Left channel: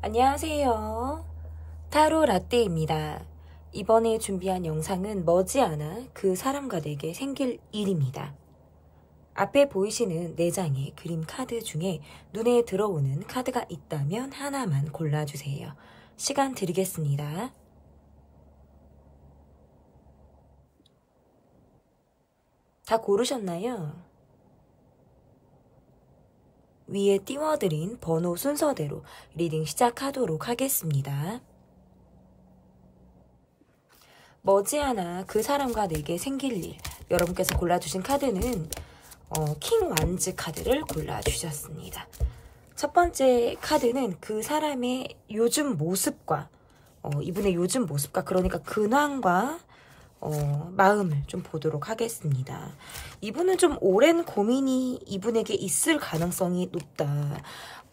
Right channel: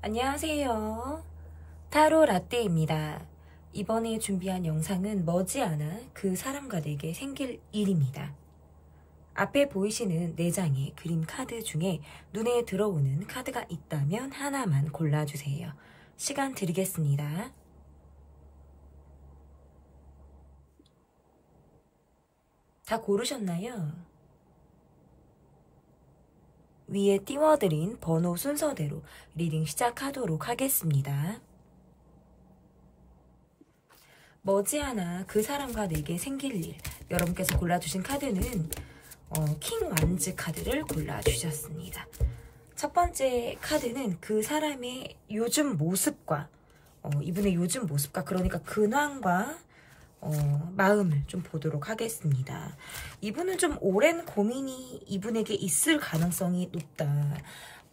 안녕하세요. 타로 라떼입니다. 이번에 준비한 영상은 머지않아 그 사람과 내게 생길 일입니다. 앞에 보이시는 4장의 그림 카드 중에 눈에 들어오는 카드가 있다면 하나만 골라주세요. 시간 드리겠습니다. 다 고르셨나요? 위에 띄워드린 번호 순서대로 리딩 시작하도록 하겠습니다. 머지않아 그 사람과 내게 생길 일, 여러분께서 골라주신 카드는 킹 완즈 카드를 골라주셨습니다. 첫 번째 카드는 그 사람의 요즘 모습과 이분의 요즘 모습과 그러니까 근황과 마음을 좀 보도록 하겠습니다. 이분은 좀 오랜 고민이 이분에게 있을 가능성이 높다.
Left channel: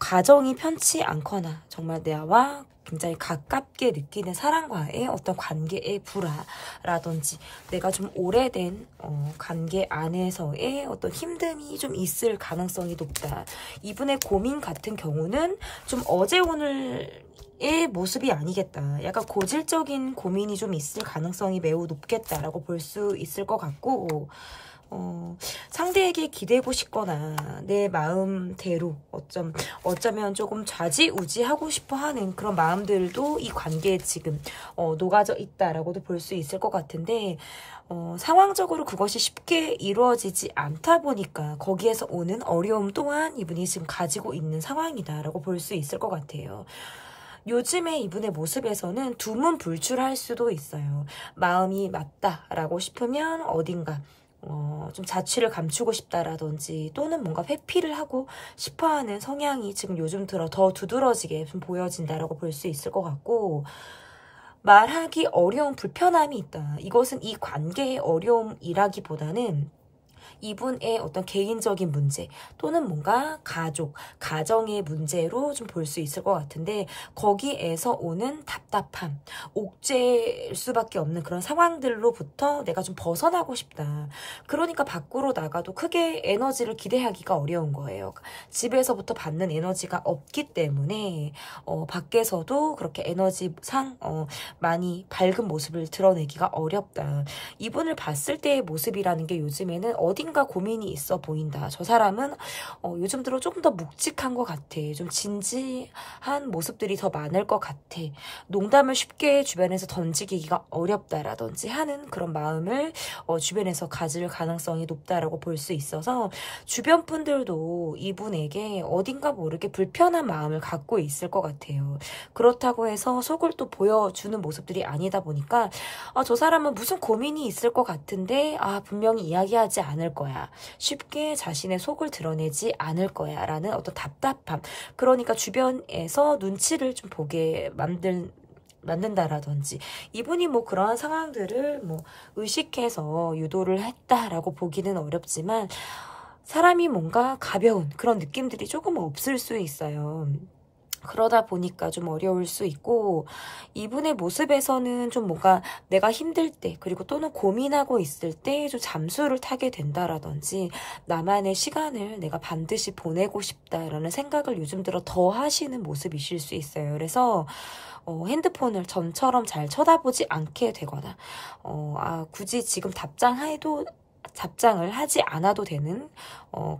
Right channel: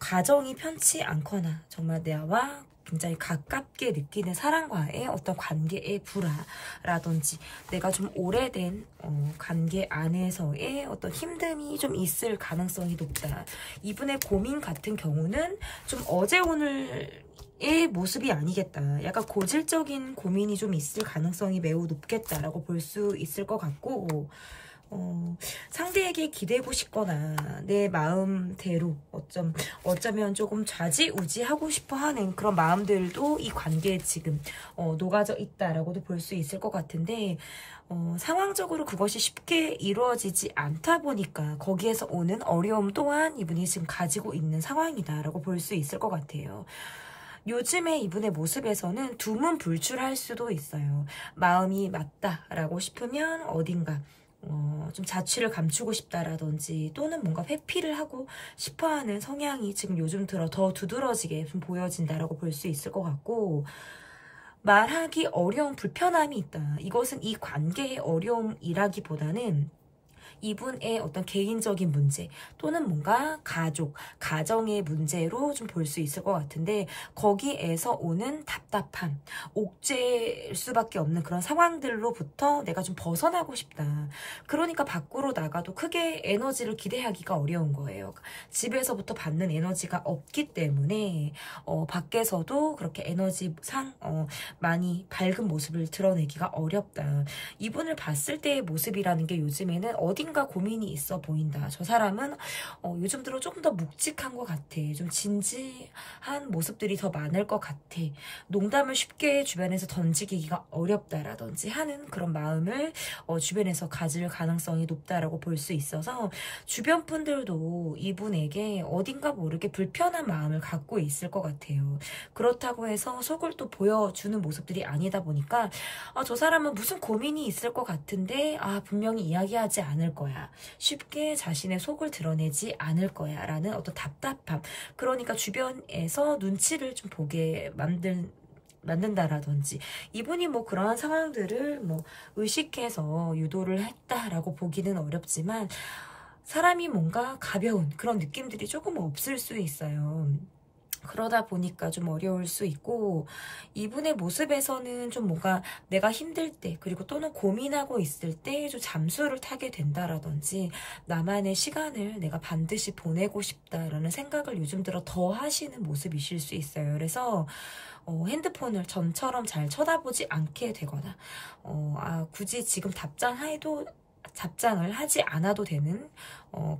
가정이 편치 않거나 정말 나와 굉장히 가깝게 느끼는 사람과의 어떤 관계의 불화라든지 내가 좀 오래된 관계 안에서의 어떤 힘듦이 좀 있을 가능성이 높다. 이분의 고민 같은 경우는 좀 어제 오늘 의 모습이 아니겠다. 약간 고질적인 고민이 좀 있을 가능성이 매우 높겠다라고 볼 수 있을 것 같고 상대에게 기대고 싶거나 내 마음대로 어쩌면 조금 좌지우지하고 싶어하는 그런 마음들도 이 관계에 지금 녹아져 있다라고도 볼 수 있을 것 같은데 상황적으로 그것이 쉽게 이루어지지 않다 보니까 거기에서 오는 어려움 또한 이분이 지금 가지고 있는 상황이다라고 볼 수 있을 것 같아요. 요즘에 이분의 모습에서는 두문불출할 수도 있어요. 마음이 맞다라고 싶으면 어딘가 좀 자취를 감추고 싶다라든지 또는 뭔가 회피를 하고 싶어하는 성향이 지금 요즘 들어 더 두드러지게 좀 보여진다라고 볼 수 있을 것 같고 말하기 어려운 불편함이 있다. 이것은 이 관계의 어려움이라기보다는 이분의 어떤 개인적인 문제 또는 뭔가 가정의 문제로 좀 볼 수 있을 것 같은데 거기에서 오는 답답함, 옥죄일 수밖에 없는 그런 상황들로부터 내가 좀 벗어나고 싶다. 그러니까 밖으로 나가도 크게 에너지를 기대하기가 어려운 거예요. 집에서부터 받는 에너지가 없기 때문에 밖에서도 그렇게 에너지상 많이 밝은 모습을 드러내기가 어렵다. 이분을 봤을 때의 모습이라는 게 요즘에는 어딘가 고민이 있어 보인다. 저 사람은 요즘 들어 조금 더 묵직한 것 같아. 좀 진지한 모습들이 더 많을 것 같아. 농담을 쉽게 주변에서 던지기가 어렵다라든지 하는 그런 마음을 주변에서 가질 가능성이 높다라고 볼 수 있어서 주변 분들도 이분에게 어딘가 모르게 불편한 마음을 갖고 있을 것 같아요. 그렇다고 해서 속을 또 보여주는 모습들이 아니다 보니까 저 사람은 무슨 고민이 있을 것 같은데 분명히 이야기하지 않을 거야. 쉽게 자신의 속을 드러내지 않을 거야 라는 어떤 답답함. 그러니까 주변에서 눈치를 좀 보게 만든다라든지 이분이 뭐 그러한 상황들을 뭐 의식해서 유도를 했다라고 보기는 어렵지만 사람이 뭔가 가벼운 그런 느낌들이 조금 없을 수 있어요. 그러다 보니까 좀 어려울 수 있고 이분의 모습에서는 좀 뭔가 내가 힘들 때 그리고 또는 고민하고 있을 때 좀 잠수를 타게 된다라든지 나만의 시간을 내가 반드시 보내고 싶다라는 생각을 요즘 들어 더 하시는 모습이실 수 있어요. 그래서 핸드폰을 전처럼 잘 쳐다보지 않게 되거나 굳이 지금 답장을 하지 않아도 되는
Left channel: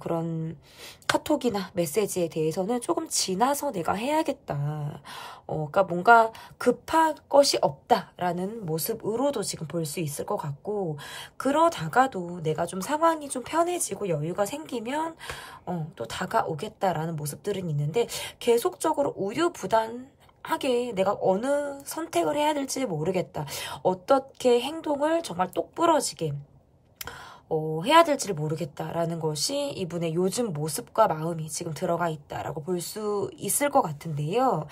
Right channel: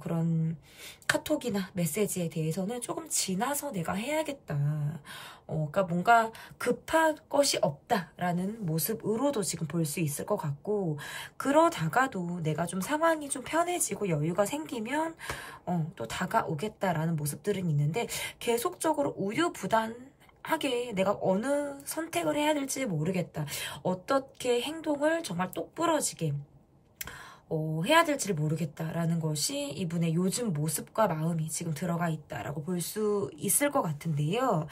그런 카톡이나 메시지에 대해서는 조금 지나서 내가 해야겠다. 그러니까 뭔가 급할 것이 없다라는 모습으로도 지금 볼 수 있을 것 같고 그러다가도 내가 좀 상황이 좀 편해지고 여유가 생기면 또 다가오겠다라는 모습들은 있는데 계속적으로 우유부단하게 내가 어느 선택을 해야 될지 모르겠다. 어떻게 행동을 정말 똑부러지게 해야 될지를 모르겠다라는 것이 이분의 요즘 모습과 마음이 지금 들어가 있다라고 볼 수 있을 것 같은데요.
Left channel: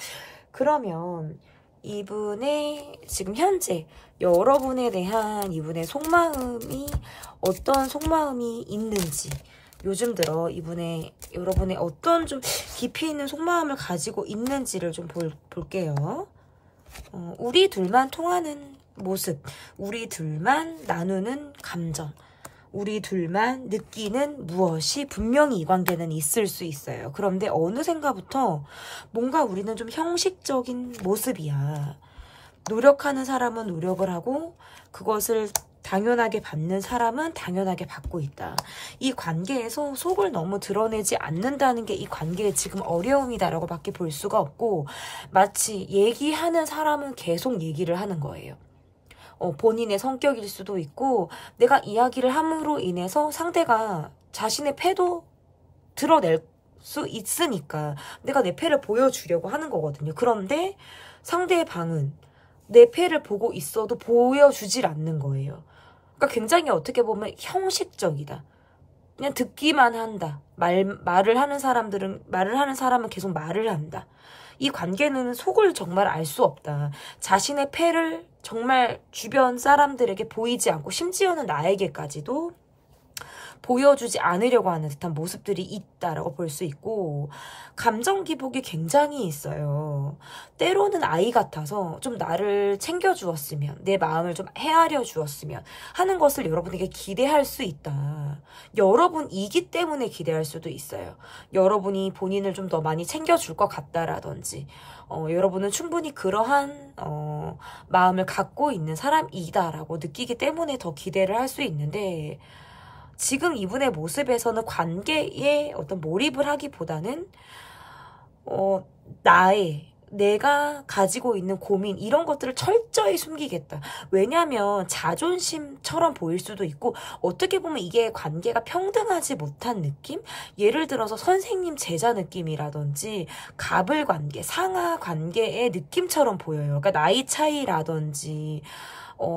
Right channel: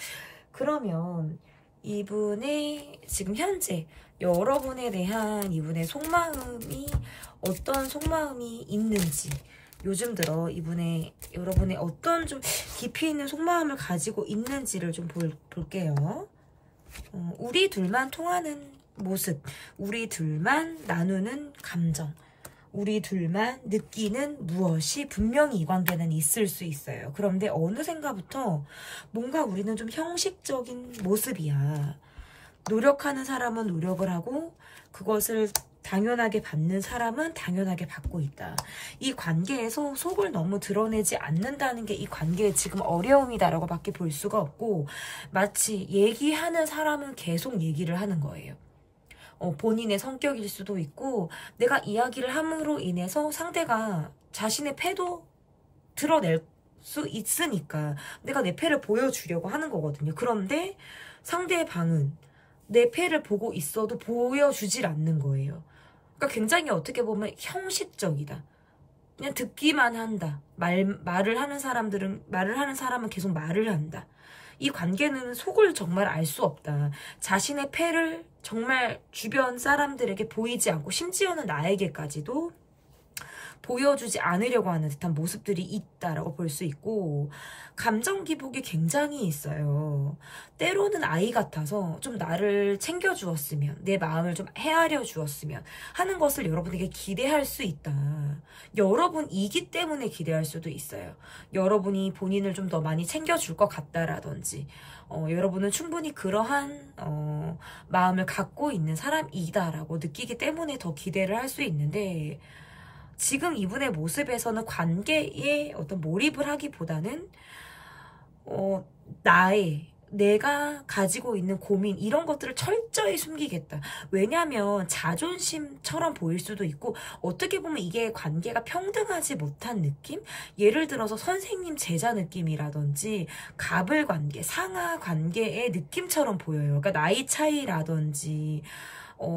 그러면 이분의 지금 현재 여러분에 대한 이분의 속마음이 어떤 속마음이 있는지 요즘 들어 여러분의 어떤 좀 깊이 있는 속마음을 가지고 있는지를 좀 볼게요. 우리 둘만 통하는 모습, 우리 둘만 나누는 감정 우리 둘만 느끼는 무엇이 분명히 이 관계는 있을 수 있어요. 그런데 어느샌가부터 뭔가 우리는 좀 형식적인 모습이야. 노력하는 사람은 노력을 하고 그것을 당연하게 받는 사람은 당연하게 받고 있다. 이 관계에서 속을 너무 드러내지 않는다는 게 이 관계의 지금 어려움이다라고 밖에 볼 수가 없고, 마치 얘기하는 사람은 계속 얘기를 하는 거예요. 본인의 성격일 수도 있고, 내가 이야기를 함으로 인해서 상대가 자신의 패도 드러낼 수 있으니까 내가 내 패를 보여주려고 하는 거거든요. 그런데 상대의 방은 내 패를 보고 있어도 보여주질 않는 거예요. 그러니까 굉장히 어떻게 보면 형식적이다. 그냥 듣기만 한다. 말을 하는 사람은 계속 말을 한다. 이 관계는 속을 정말 알 수 없다. 자신의 패를 정말 주변 사람들에게 보이지 않고, 심지어는 나에게까지도 보여주지 않으려고 하는 듯한 모습들이 있다라고 볼 수 있고, 감정 기복이 굉장히 있어요. 때로는 아이 같아서 좀 나를 챙겨주었으면, 내 마음을 좀 헤아려 주었으면 하는 것을 여러분에게 기대할 수 있다. 여러분이기 때문에 기대할 수도 있어요. 여러분이 본인을 좀 더 많이 챙겨줄 것 같다라든지, 여러분은 충분히 그러한 마음을 갖고 있는 사람이다라고 느끼기 때문에 더 기대를 할 수 있는데, 지금 이분의 모습에서는 관계에 어떤 몰입을 하기보다는 내가 가지고 있는 고민, 이런 것들을 철저히 숨기겠다. 왜냐하면 자존심처럼 보일 수도 있고, 어떻게 보면 이게 관계가 평등하지 못한 느낌? 예를 들어서 선생님 제자 느낌이라든지 갑을 관계, 상하 관계의 느낌처럼 보여요. 그러니까 나이 차이라든지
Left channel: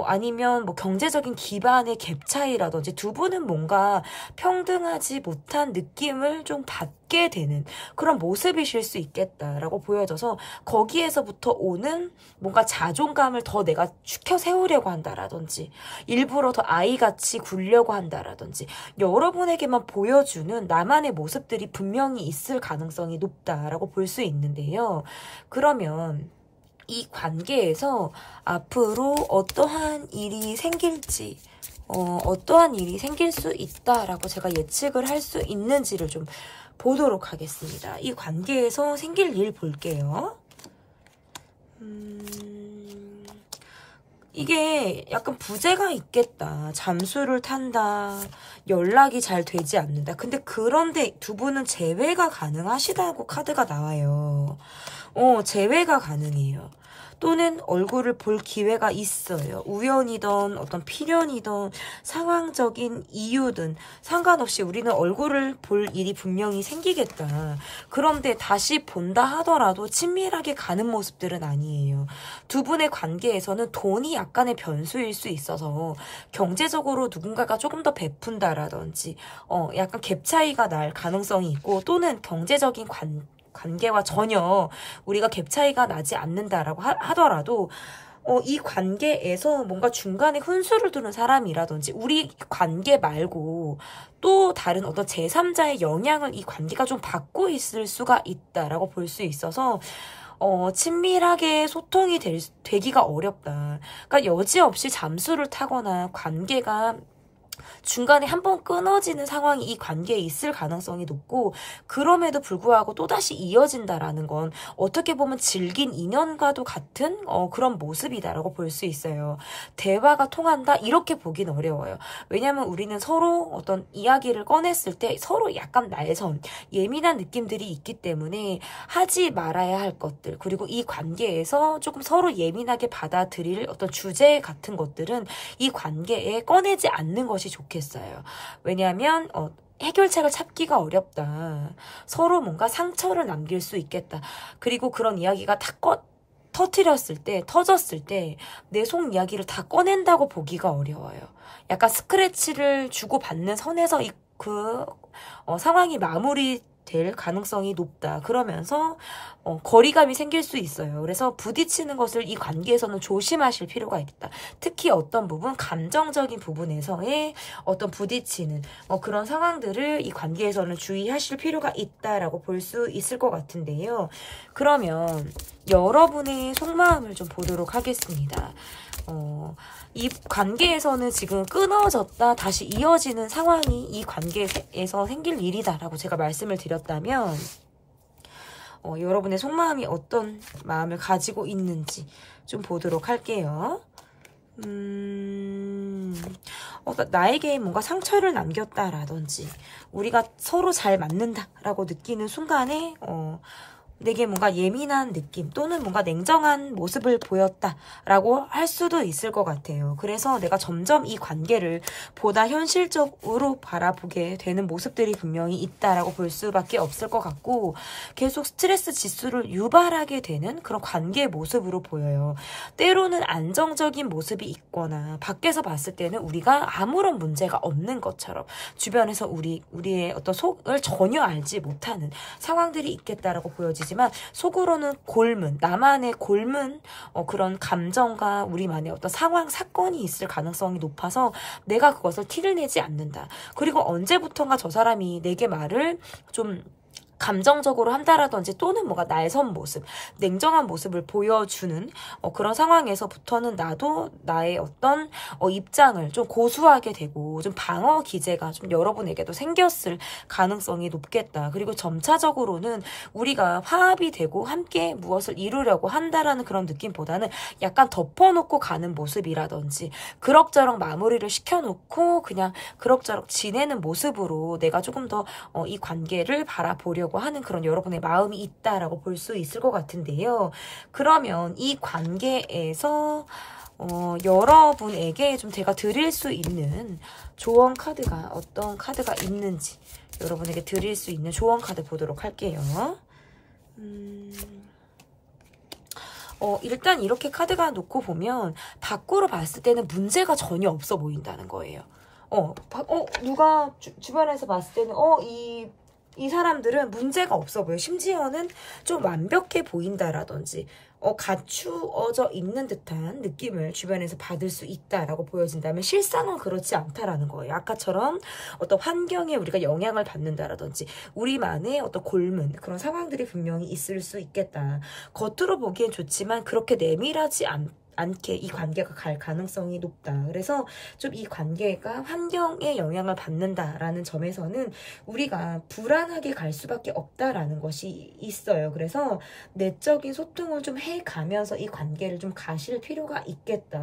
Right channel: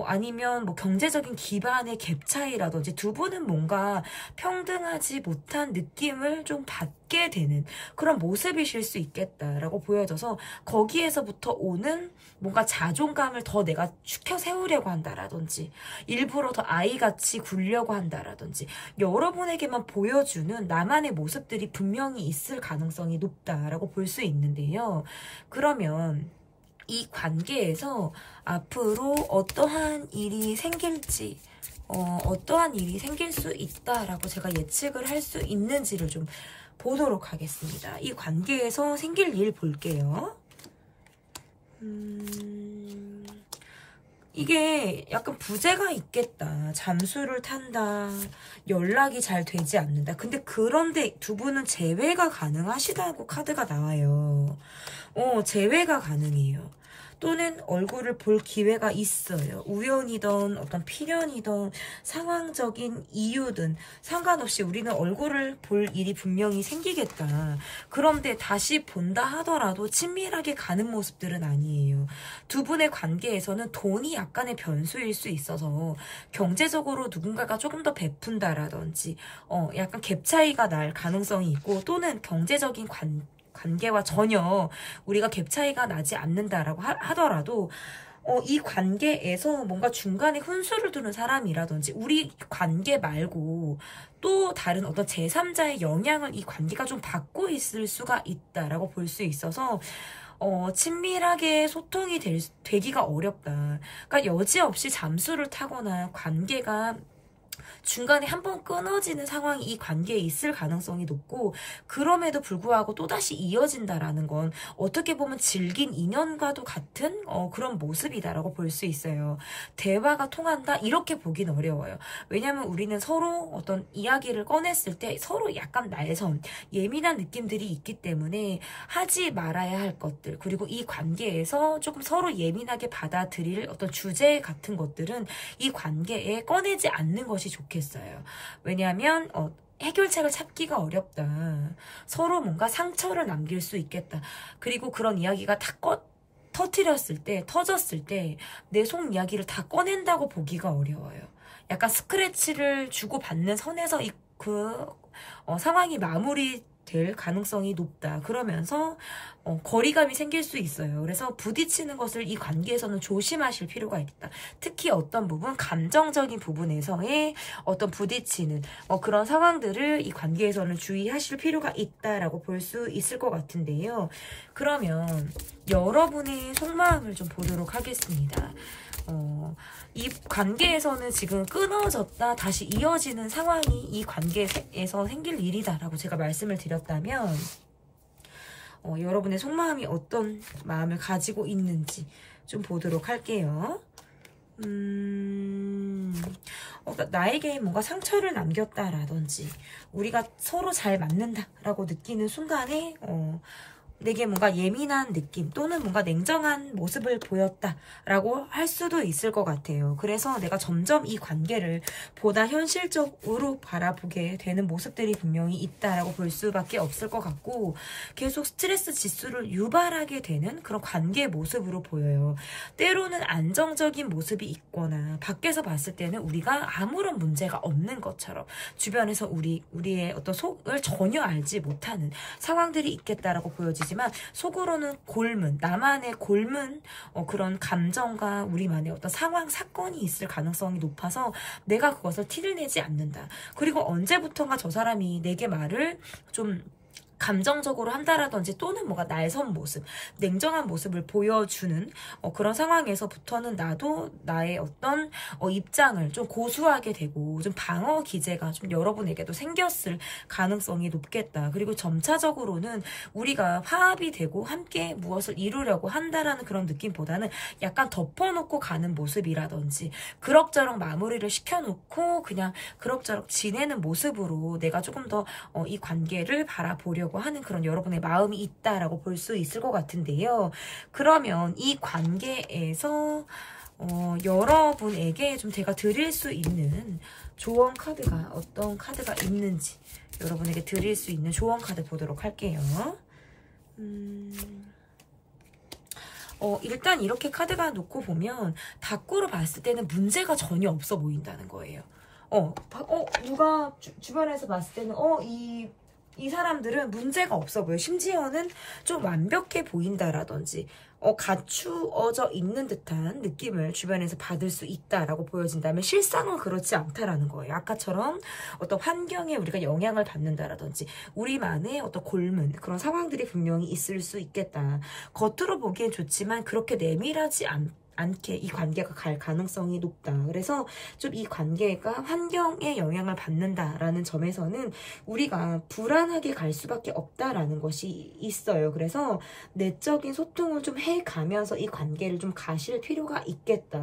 아니면 뭐 경제적인 기반의 갭 차이라든지, 두 분은 뭔가 평등하지 못한 느낌을 좀 받게 되는 그런 모습이실 수 있겠다라고 보여져서, 거기에서부터 오는 뭔가 자존감을 더 내가 추켜 세우려고 한다라든지, 일부러 더 아이같이 굴려고 한다라든지, 여러분에게만 보여주는 나만의 모습들이 분명히 있을 가능성이 높다라고 볼 수 있는데요. 그러면 이 관계에서 앞으로 어떠한 일이 생길지, 어떠한 일이 생길 수 있다라고 제가 예측을 할 수 있는지를 좀 보도록 하겠습니다. 이 관계에서 생길 일 볼게요. 이게 약간 부재가 있겠다. 잠수를 탄다. 연락이 잘 되지 않는다. 근데 그런데 두 분은 재회가 가능하시다고 카드가 나와요. 재회가 가능해요. 또는 얼굴을 볼 기회가 있어요. 우연이든 어떤 필연이든 상황적인 이유든 상관없이 우리는 얼굴을 볼 일이 분명히 생기겠다. 그런데 다시 본다 하더라도 친밀하게 가는 모습들은 아니에요. 두 분의 관계에서는 돈이 약간의 변수일 수 있어서 경제적으로 누군가가 조금 더 베푼다라든지 약간 갭 차이가 날 가능성이 있고, 또는 경제적인 관계와 전혀 우리가 갭 차이가 나지 않는다라고 하더라도 이 관계에서 뭔가 중간에 훈수를 두는 사람이라든지, 우리 관계 말고 또 다른 어떤 제3자의 영향을 이 관계가 좀 받고 있을 수가 있다라고 볼 수 있어서 친밀하게 소통이 되기가 어렵다. 그러니까 여지없이 잠수를 타거나 관계가 중간에 한번 끊어지는 상황이 이 관계에 있을 가능성이 높고, 그럼에도 불구하고 또다시 이어진다라는 건 어떻게 보면 질긴 인연과도 같은 그런 모습이다라고 볼 수 있어요. 대화가 통한다? 이렇게 보긴 어려워요. 왜냐하면 우리는 서로 어떤 이야기를 꺼냈을 때 서로 약간 날선, 예민한 느낌들이 있기 때문에 하지 말아야 할 것들, 그리고 이 관계에서 조금 서로 예민하게 받아들일 어떤 주제 같은 것들은 이 관계에 꺼내지 않는 것이 좋겠어요. 왜냐하면 해결책을 찾기가 어렵다. 서로 뭔가 상처를 남길 수 있겠다. 그리고 그런 이야기가 다 터졌을 때 내 속 이야기를 다 꺼낸다고 보기가 어려워요. 약간 스크래치를 주고받는 선에서 상황이 마무리될 가능성이 높다. 그러면서 거리감이 생길 수 있어요. 그래서 부딪히는 것을 이 관계에서는 조심하실 필요가 있다. 특히 어떤 부분, 감정적인 부분에서의 어떤 부딪히는 그런 상황들을 이 관계에서는 주의하실 필요가 있다라고 볼 수 있을 것 같은데요. 그러면 여러분의 속마음을 좀 보도록 하겠습니다. 이 관계에서는 지금 끊어졌다 다시 이어지는 상황이 이 관계에서 생길 일이다라고 제가 말씀을 드렸다면 여러분의 속마음이 어떤 마음을 가지고 있는지 좀 보도록 할게요. 나에게 뭔가 상처를 남겼다라든지 우리가 서로 잘 맞는다라고 느끼는 순간에 내게 뭔가 예민한 느낌 또는 뭔가 냉정한 모습을 보였다라고 할 수도 있을 것 같아요. 그래서 내가 점점 이 관계를 보다 현실적으로 바라보게 되는 모습들이 분명히 있다라고 볼 수밖에 없을 것 같고 계속 스트레스 지수를 유발하게 되는 그런 관계 모습으로 보여요. 때로는 안정적인 모습이 있거나 밖에서 봤을 때는 우리가 아무런 문제가 없는 것처럼 주변에서 우리의 어떤 속을 전혀 알지 못하는 상황들이 있겠다라고 보여지지만 속으로는 골문, 나만의 골문 그런 감정과 우리만의 어떤 상황, 사건이 있을 가능성이 높아서 내가 그것을 티를 내지 않는다. 그리고 언제부턴가 저 사람이 내게 말을 좀 감정적으로 한다라든지 또는 뭔가 날선 모습, 냉정한 모습을 보여주는 그런 상황에서부터는 나도 나의 어떤 입장을 좀 고수하게 되고 좀 방어 기제가 좀 여러분에게도 생겼을 가능성이 높겠다. 그리고 점차적으로는 우리가 화합이 되고 함께 무엇을 이루려고 한다라는 그런 느낌보다는 약간 덮어놓고 가는 모습이라든지 그럭저럭 마무리를 시켜놓고 그냥 그럭저럭 지내는 모습으로 내가 조금 더 이 관계를 바라보려고 하는 그런 여러분의 마음이 있다라고 볼 수 있을 것 같은데요. 그러면 이 관계에서 여러분에게 좀 제가 드릴 수 있는 조언 카드가 어떤 카드가 있는지 여러분에게 드릴 수 있는 조언 카드 보도록 할게요. 일단 이렇게 카드가 놓고 보면 밖으로 봤을 때는 문제가 전혀 없어 보인다는 거예요. 누가 주변에서 봤을 때는 이 사람들은 문제가 없어 보여. 심지어는 좀 완벽해 보인다라든지 갖추어져 있는 듯한 느낌을 주변에서 받을 수 있다라고 보여진다면 실상은 그렇지 않다라는 거예요. 아까처럼 어떤 환경에 우리가 영향을 받는다라든지 우리만의 어떤 골문 그런 상황들이 분명히 있을 수 있겠다. 겉으로 보기엔 좋지만 그렇게 내밀하지 않게 이 관계가 갈 가능성이 높다. 그래서 좀 이 관계가 환경에 영향을 받는다라는 점에서는 우리가 불안하게 갈 수밖에 없다라는 것이 있어요. 그래서 내적인 소통을 좀 해가면서 이 관계를 좀 가실 필요가 있겠다.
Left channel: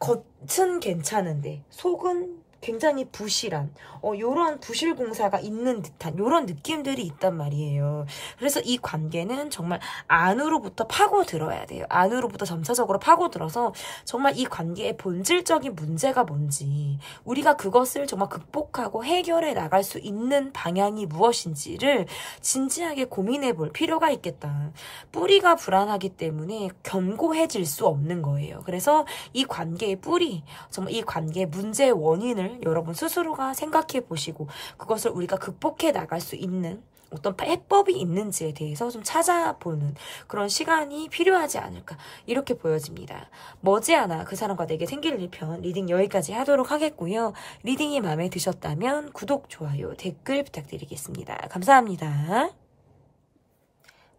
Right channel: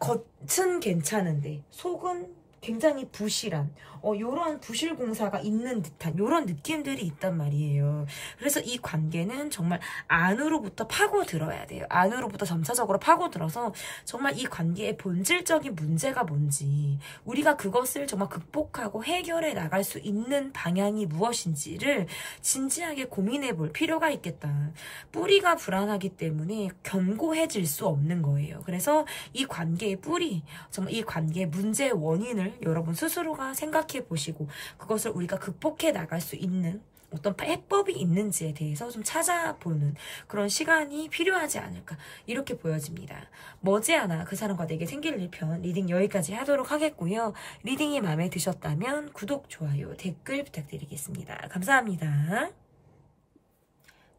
겉은 괜찮은데 속은 굉장히 부실한 요런 부실 공사가 있는 듯한 요런 느낌들이 있단 말이에요. 그래서 이 관계는 정말 안으로부터 파고들어야 돼요. 안으로부터 점차적으로 파고들어서 정말 이 관계의 본질적인 문제가 뭔지 우리가 그것을 정말 극복하고 해결해 나갈 수 있는 방향이 무엇인지를 진지하게 고민해 볼 필요가 있겠다. 뿌리가 불안하기 때문에 견고해질 수 없는 거예요. 그래서 이 관계의 뿌리, 정말 이 관계의 문제의 원인을 여러분 스스로가 생각해 보시고 그것을 우리가 극복해 나갈 수 있는 어떤 해법이 있는지에 대해서 좀 찾아보는 그런 시간이 필요하지 않을까 이렇게 보여집니다. 머지않아 그 사람과 내게 생길 일편 리딩 여기까지 하도록 하겠고요. 리딩이 마음에 드셨다면 구독, 좋아요, 댓글 부탁드리겠습니다. 감사합니다.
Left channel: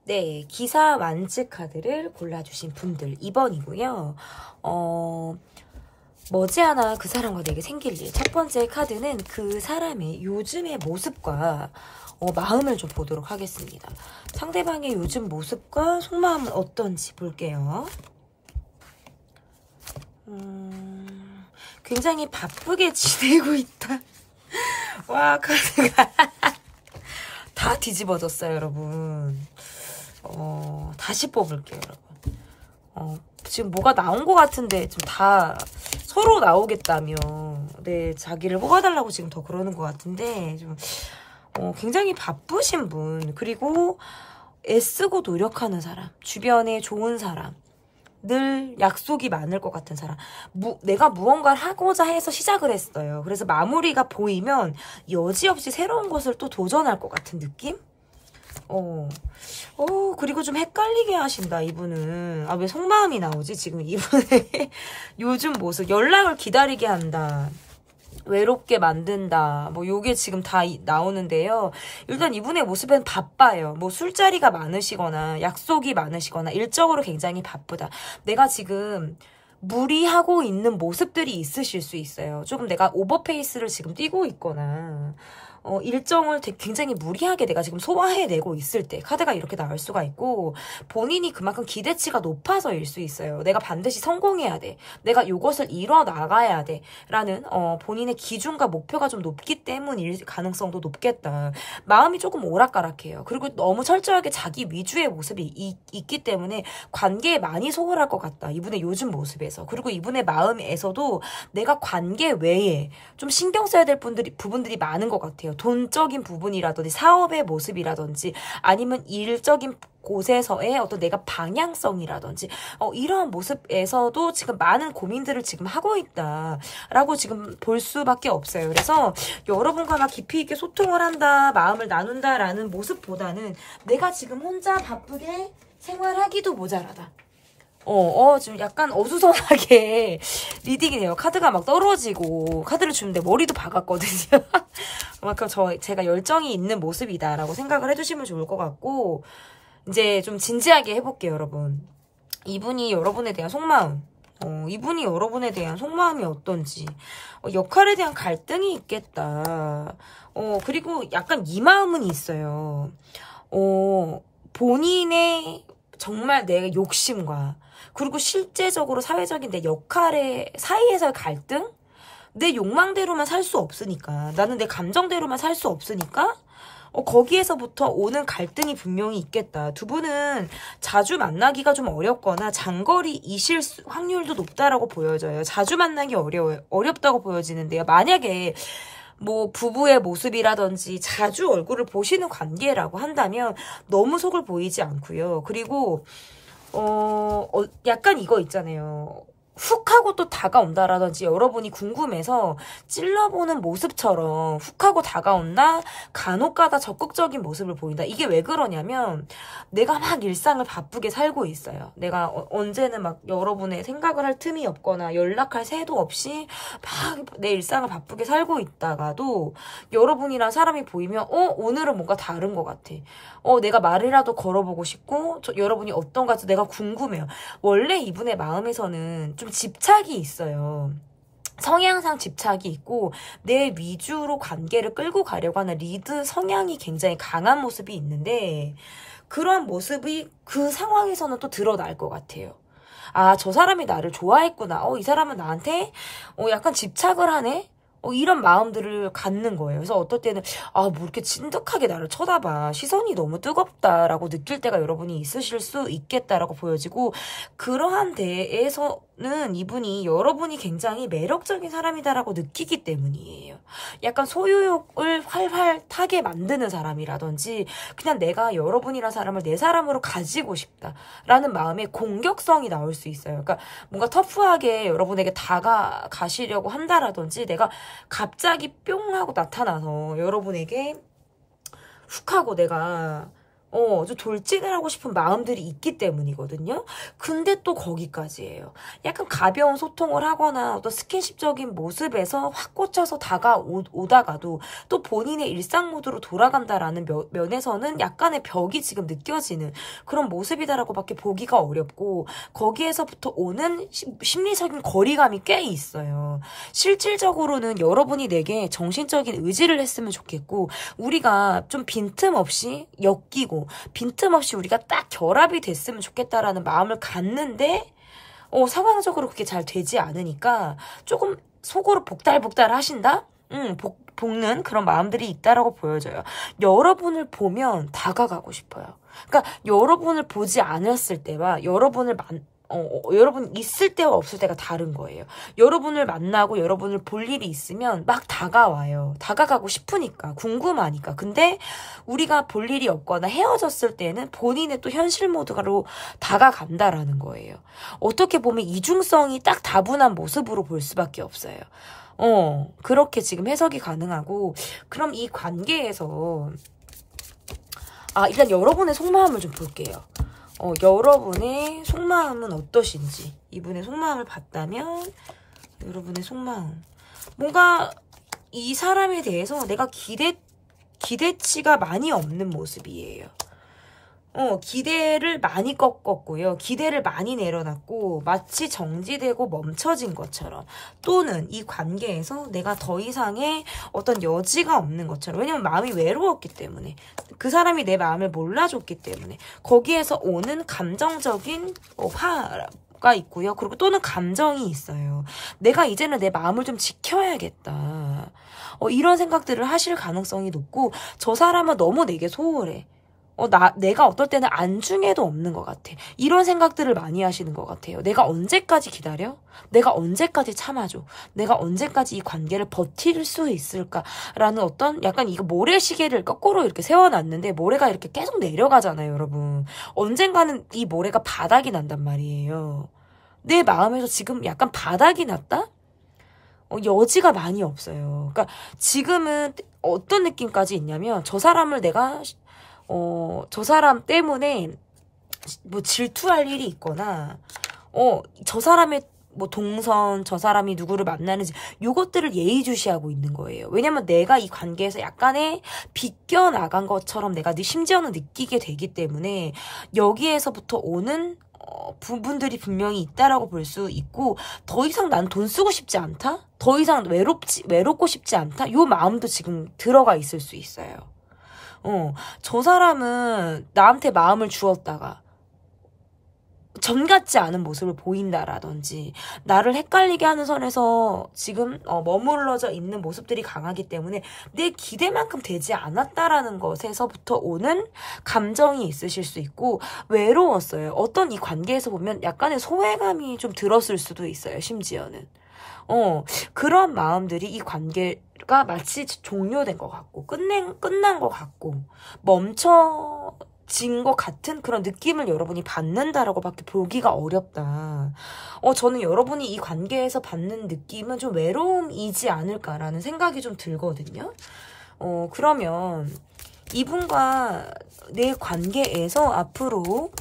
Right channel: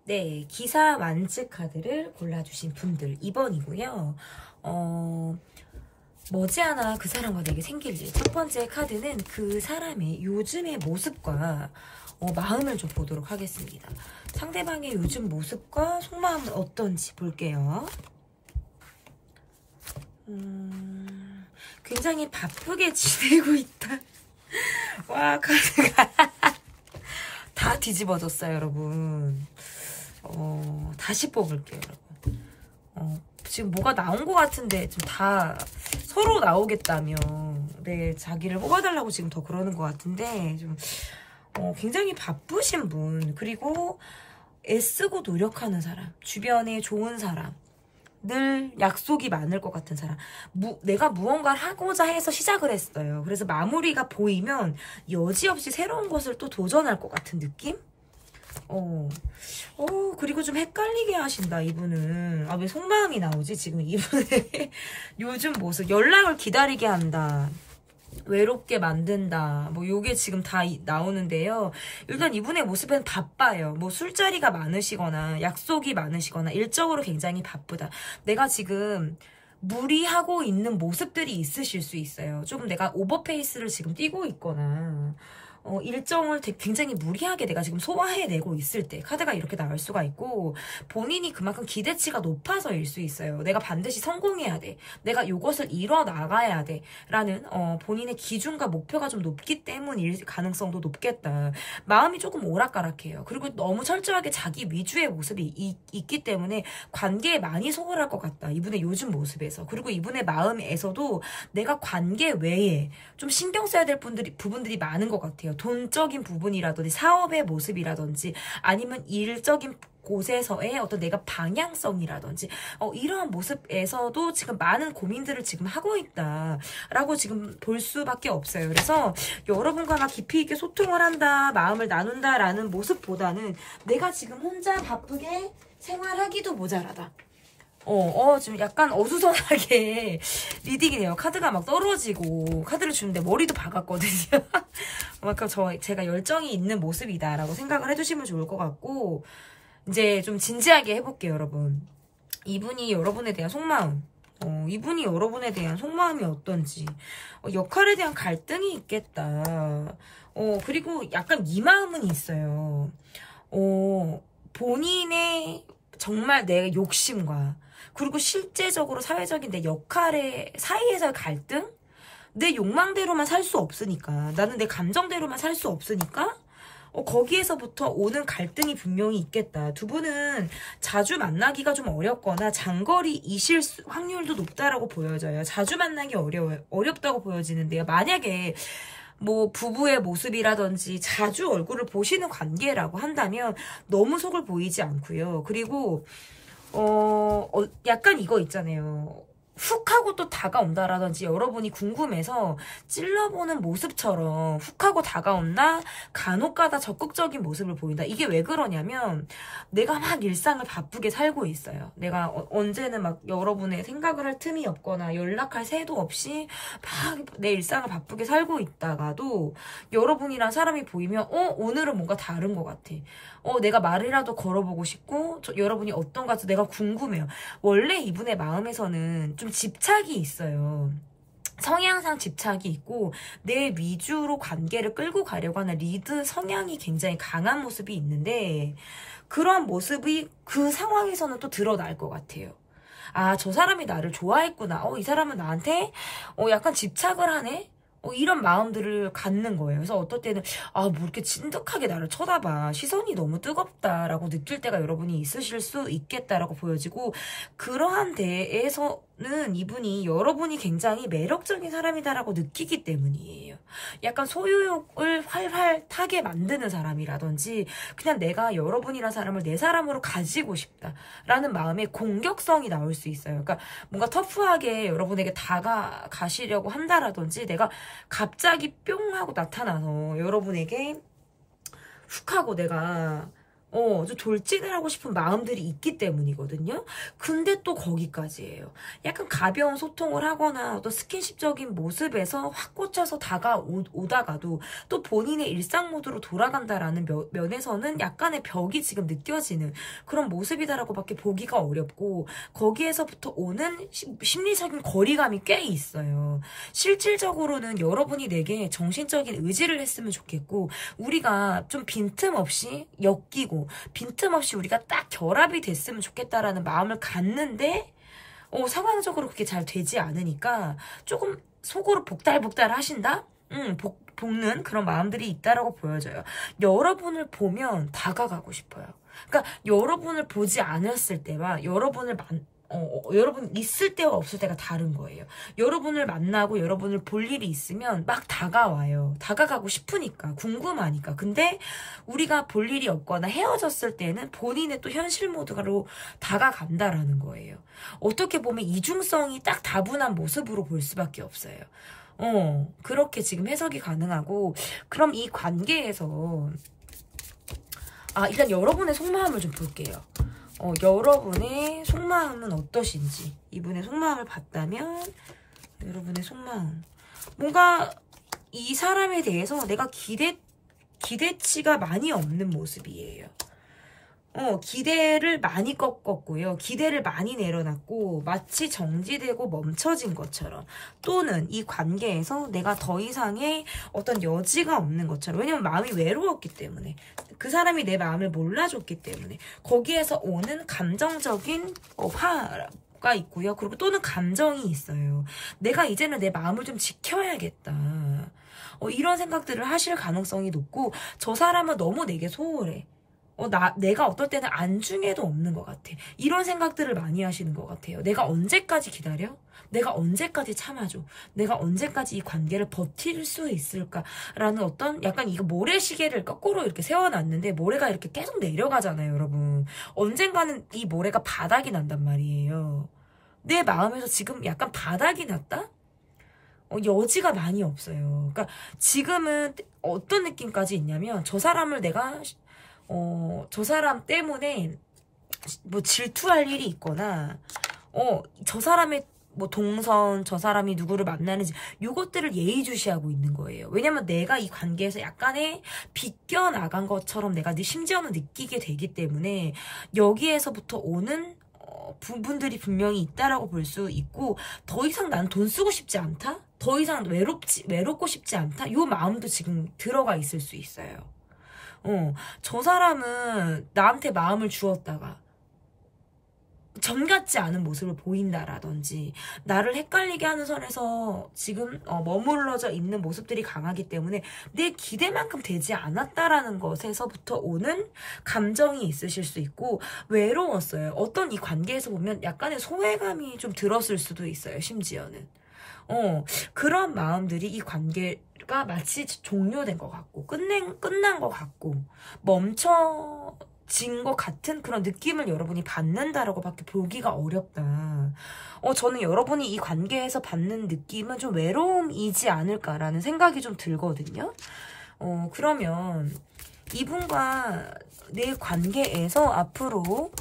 네, 기사 완즈 카드를 골라주신 분들 2번이고요. 머지않아 그 사람과 내게 생길 일. 첫 번째 카드는 그 사람의 요즘의 모습과 마음을 좀 보도록 하겠습니다. 상대방의 요즘 모습과 속마음은 어떤지 볼게요. 굉장히 바쁘게 지내고 있다. 와, 카드가 다 뒤집어졌어요, 여러분. 다시 뽑을게요, 여러분. 지금 뭐가 나온 것 같은데 좀 다 서로 나오겠다며 네 자기를 뽑아달라고 지금 더 그러는 것 같은데 좀 굉장히 바쁘신 분 그리고 애쓰고 노력하는 사람 주변에 좋은 사람 늘 약속이 많을 것 같은 사람 내가 무언가를 하고자 해서 시작을 했어요. 그래서 마무리가 보이면 여지없이 새로운 것을 또 도전할 것 같은 느낌? 그리고 좀 헷갈리게 하신다, 이분은. 왜 속마음이 나오지? 지금 이분의 요즘 모습. 연락을 기다리게 한다. 외롭게 만든다. 뭐 요게 지금 다 나오는데요. 일단 이분의 모습은 바빠요. 뭐 술자리가 많으시거나 약속이 많으시거나 일적으로 굉장히 바쁘다. 내가 지금 무리하고 있는 모습들이 있으실 수 있어요. 조금 내가 오버페이스를 지금 띄고 있거나 일정을 굉장히 무리하게 내가 지금 소화해내고 있을 때 카드가 이렇게 나올 수가 있고, 본인이 그만큼 기대치가 높아서일 수 있어요. 내가 반드시 성공해야 돼. 내가 이것을 이뤄나가야 돼. 라는 본인의 기준과 목표가 좀 높기 때문일 가능성도 높겠다. 마음이 조금 오락가락해요. 그리고 너무 철저하게 자기 위주의 모습이 있기 때문에 관계에 많이 소홀할 것 같다. 이분의 요즘 모습에서. 그리고 이분의 마음에서도 내가 관계 외에 좀 신경 써야 될 부분들이 많은 것 같아요. 돈적인 부분이라든지 사업의 모습이라든지 아니면 일적인 곳에서의 어떤 내가 방향성이라든지 이러한 모습에서도 지금 많은 고민들을 지금 하고 있다라고 지금 볼 수밖에 없어요. 그래서 여러분과 나 깊이 있게 소통을 한다, 마음을 나눈다라는 모습보다는 내가 지금 혼자 바쁘게 생활하기도 모자라다. 지금 약간 어수선하게 리딩이네요. 카드가 막 떨어지고, 카드를 주는데 머리도 박았거든요. 그만큼 제가 열정이 있는 모습이다라고 생각을 해주시면 좋을 것 같고, 이제 좀 진지하게 해볼게요, 여러분. 이분이 여러분에 대한 속마음, 이분이 여러분에 대한 속마음이 어떤지, 역할에 대한 갈등이 있겠다. 그리고 약간 이 마음은 있어요. 본인의 정말 내 욕심과 그리고 실제적으로 사회적인 내 역할의 사이에서의 갈등? 내 욕망대로만 살 수 없으니까, 나는 내 감정대로만 살 수 없으니까 거기에서부터 오는 갈등이 분명히 있겠다. 두 분은 자주 만나기가 좀 어렵거나 장거리이실 확률도 높다라고 보여져요. 자주 만나기 어렵다고 보여지는데요. 만약에 뭐 부부의 모습이라든지 자주 얼굴을 보시는 관계라고 한다면 너무 속을 보이지 않고요. 그리고 약간 이거 있잖아요. 훅 하고 또 다가온다라든지 여러분이 궁금해서 찔러보는 모습처럼 훅 하고 다가온다, 간혹가다 적극적인 모습을 보인다. 이게 왜 그러냐면 내가 막 일상을 바쁘게 살고 있어요. 내가 언제는 막 여러분의 생각을 할 틈이 없거나 연락할 새도 없이 막 내 일상을 바쁘게 살고 있다가도 여러분이랑 사람이 보이면 오늘은 뭔가 다른 것 같아. 내가 말이라도 걸어보고 싶고 여러분이 어떤가 내가 궁금해요. 원래 이분의 마음에서는 좀 집착이 있어요. 성향상 집착이 있고 내 위주로 관계를 끌고 가려고 하는 리드 성향이 굉장히 강한 모습이 있는데, 그런 모습이 그 상황에서는 또 드러날 것 같아요. 아, 저 사람이 나를 좋아했구나. 이 사람은 나한테 약간 집착을 하네? 이런 마음들을 갖는 거예요. 그래서 어떨 때는 뭐 이렇게 진득하게 나를 쳐다봐, 시선이 너무 뜨겁다라고 느낄 때가 여러분이 있으실 수 있겠다라고 보여지고, 그러한 데에서는 이분이 여러분이 굉장히 매력적인 사람이다라고 느끼기 때문이에요. 약간 소유욕을 활활 타게 만드는 사람이라든지 그냥 내가 여러분이라는 사람을 내 사람으로 가지고 싶다라는 마음의 공격성이 나올 수 있어요. 그러니까 뭔가 터프하게 여러분에게 다가가시려고 한다라든지 내가 갑자기 뿅 하고 나타나서 여러분에게 훅 하고 내가 좀 돌진을 하고 싶은 마음들이 있기 때문이거든요. 근데 또 거기까지예요. 약간 가벼운 소통을 하거나 어떤 스킨십적인 모습에서 확 꽂혀서 다가오다가도 또 본인의 일상 모드로 돌아간다라는 면에서는 약간의 벽이 지금 느껴지는 그런 모습이다라고밖에 보기가 어렵고, 거기에서부터 오는 심리적인 거리감이 꽤 있어요. 실질적으로는 여러분이 내게 정신적인 의지를 했으면 좋겠고, 우리가 좀 빈틈없이 엮이고 빈틈없이 우리가 딱 결합이 됐으면 좋겠다라는 마음을 갖는데 상황적으로 그게 잘 되지 않으니까 조금 속으로 복달복달 하신다? 볶는 그런 마음들이 있다라고 보여져요. 여러분을 보면 다가가고 싶어요. 그러니까 여러분을 보지 않았을 때와 여러분 있을 때와 없을 때가 다른 거예요. 여러분을 만나고 여러분을 볼 일이 있으면 막 다가와요. 다가가고 싶으니까, 궁금하니까. 근데 우리가 볼 일이 없거나 헤어졌을 때는 본인의 또 현실 모드로 다가간다라는 거예요. 어떻게 보면 이중성이 딱 다분한 모습으로 볼 수밖에 없어요. 그렇게 지금 해석이 가능하고, 그럼 이 관계에서 일단 여러분의 속마음을 좀 볼게요. 여러분의 속마음은 어떠신지, 이분의 속마음을 봤다면 여러분의 속마음, 뭔가 이 사람에 대해서 내가 기대치가 많이 없는 모습이에요. 기대를 많이 꺾었고요. 기대를 많이 내려놨고 마치 정지되고 멈춰진 것처럼, 또는 이 관계에서 내가 더 이상의 어떤 여지가 없는 것처럼, 왜냐면 마음이 외로웠기 때문에, 그 사람이 내 마음을 몰라줬기 때문에 거기에서 오는 감정적인 화가 있고요. 그리고 또는 감정이 있어요. 내가 이제는 내 마음을 좀 지켜야겠다. 이런 생각들을 하실 가능성이 높고, 저 사람은 너무 내게 소홀해. 내가 어떨 때는 안중에도 없는 것 같아. 이런 생각들을 많이 하시는 것 같아요. 내가 언제까지 기다려? 내가 언제까지 참아줘? 내가 언제까지 이 관계를 버틸 수 있을까라는 어떤 약간 이거 모래시계를 거꾸로 이렇게 세워놨는데 모래가 이렇게 계속 내려가잖아요, 여러분. 언젠가는 이 모래가 바닥이 난단 말이에요. 내 마음에서 지금 약간 바닥이 났다? 여지가 많이 없어요. 그러니까 지금은 어떤 느낌까지 있냐면, 저 사람을 내가 저 사람 때문에 뭐 질투할 일이 있거나, 저 사람의 뭐 동선, 저 사람이 누구를 만나는지, 요것들을 예의주시하고 있는 거예요. 왜냐면 내가 이 관계에서 약간의 비껴나간 것처럼 내가 심지어는 느끼게 되기 때문에, 여기에서부터 오는 부분들이 분명히 있다라고 볼 수 있고, 더 이상 난 돈 쓰고 싶지 않다? 더 이상 외롭고 싶지 않다? 요 마음도 지금 들어가 있을 수 있어요. 저 사람은 나한테 마음을 주었다가 전 같지 않은 모습을 보인다라든지, 나를 헷갈리게 하는 선에서 지금 머물러져 있는 모습들이 강하기 때문에 내 기대만큼 되지 않았다라는 것에서부터 오는 감정이 있으실 수 있고, 외로웠어요. 어떤 이 관계에서 보면 약간의 소외감이 좀 들었을 수도 있어요, 심지어는. 그런 마음들이 이 관계가 마치 종료된 것 같고, 끝난 것 같고, 멈춰진 것 같은 그런 느낌을 여러분이 받는다라고 밖에 보기가 어렵다. 저는 여러분이 이 관계에서 받는 느낌은 좀 외로움이지 않을까라는 생각이 좀 들거든요. 그러면 이분과 내 관계에서 앞으로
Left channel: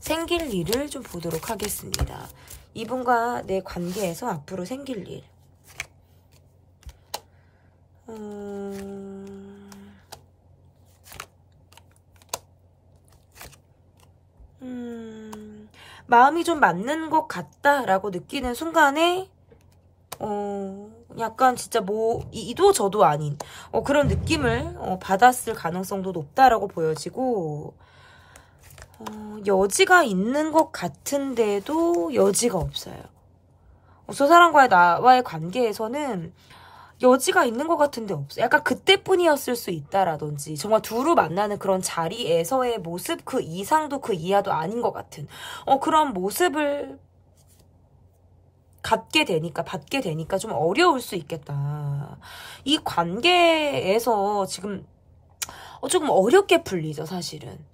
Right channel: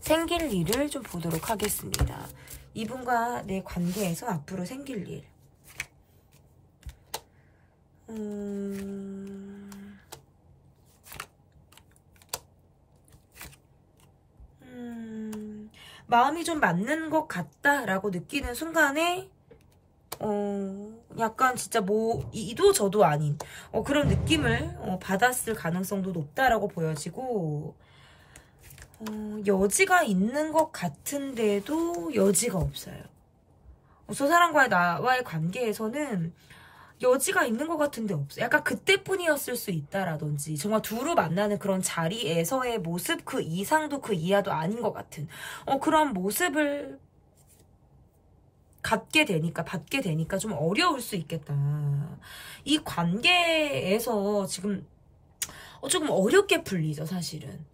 생길 일을 좀 보도록 하겠습니다. 이분과 내 관계에서 앞으로 생길 일. 마음이 좀 맞는 것 같다라고 느끼는 순간에 약간 진짜 뭐 이도 저도 아닌 그런 느낌을 받았을 가능성도 높다라고 보여지고, 여지가 있는 것 같은데도 여지가 없어요. 저 사람과의 나와의 관계에서는 여지가 있는 것 같은데 없어요. 약간 그때뿐이었을 수 있다라든지, 정말 두루 만나는 그런 자리에서의 모습, 그 이상도 그 이하도 아닌 것 같은 그런 모습을 받게 되니까 좀 어려울 수 있겠다. 이 관계에서 지금 조금 어렵게 풀리죠, 사실은.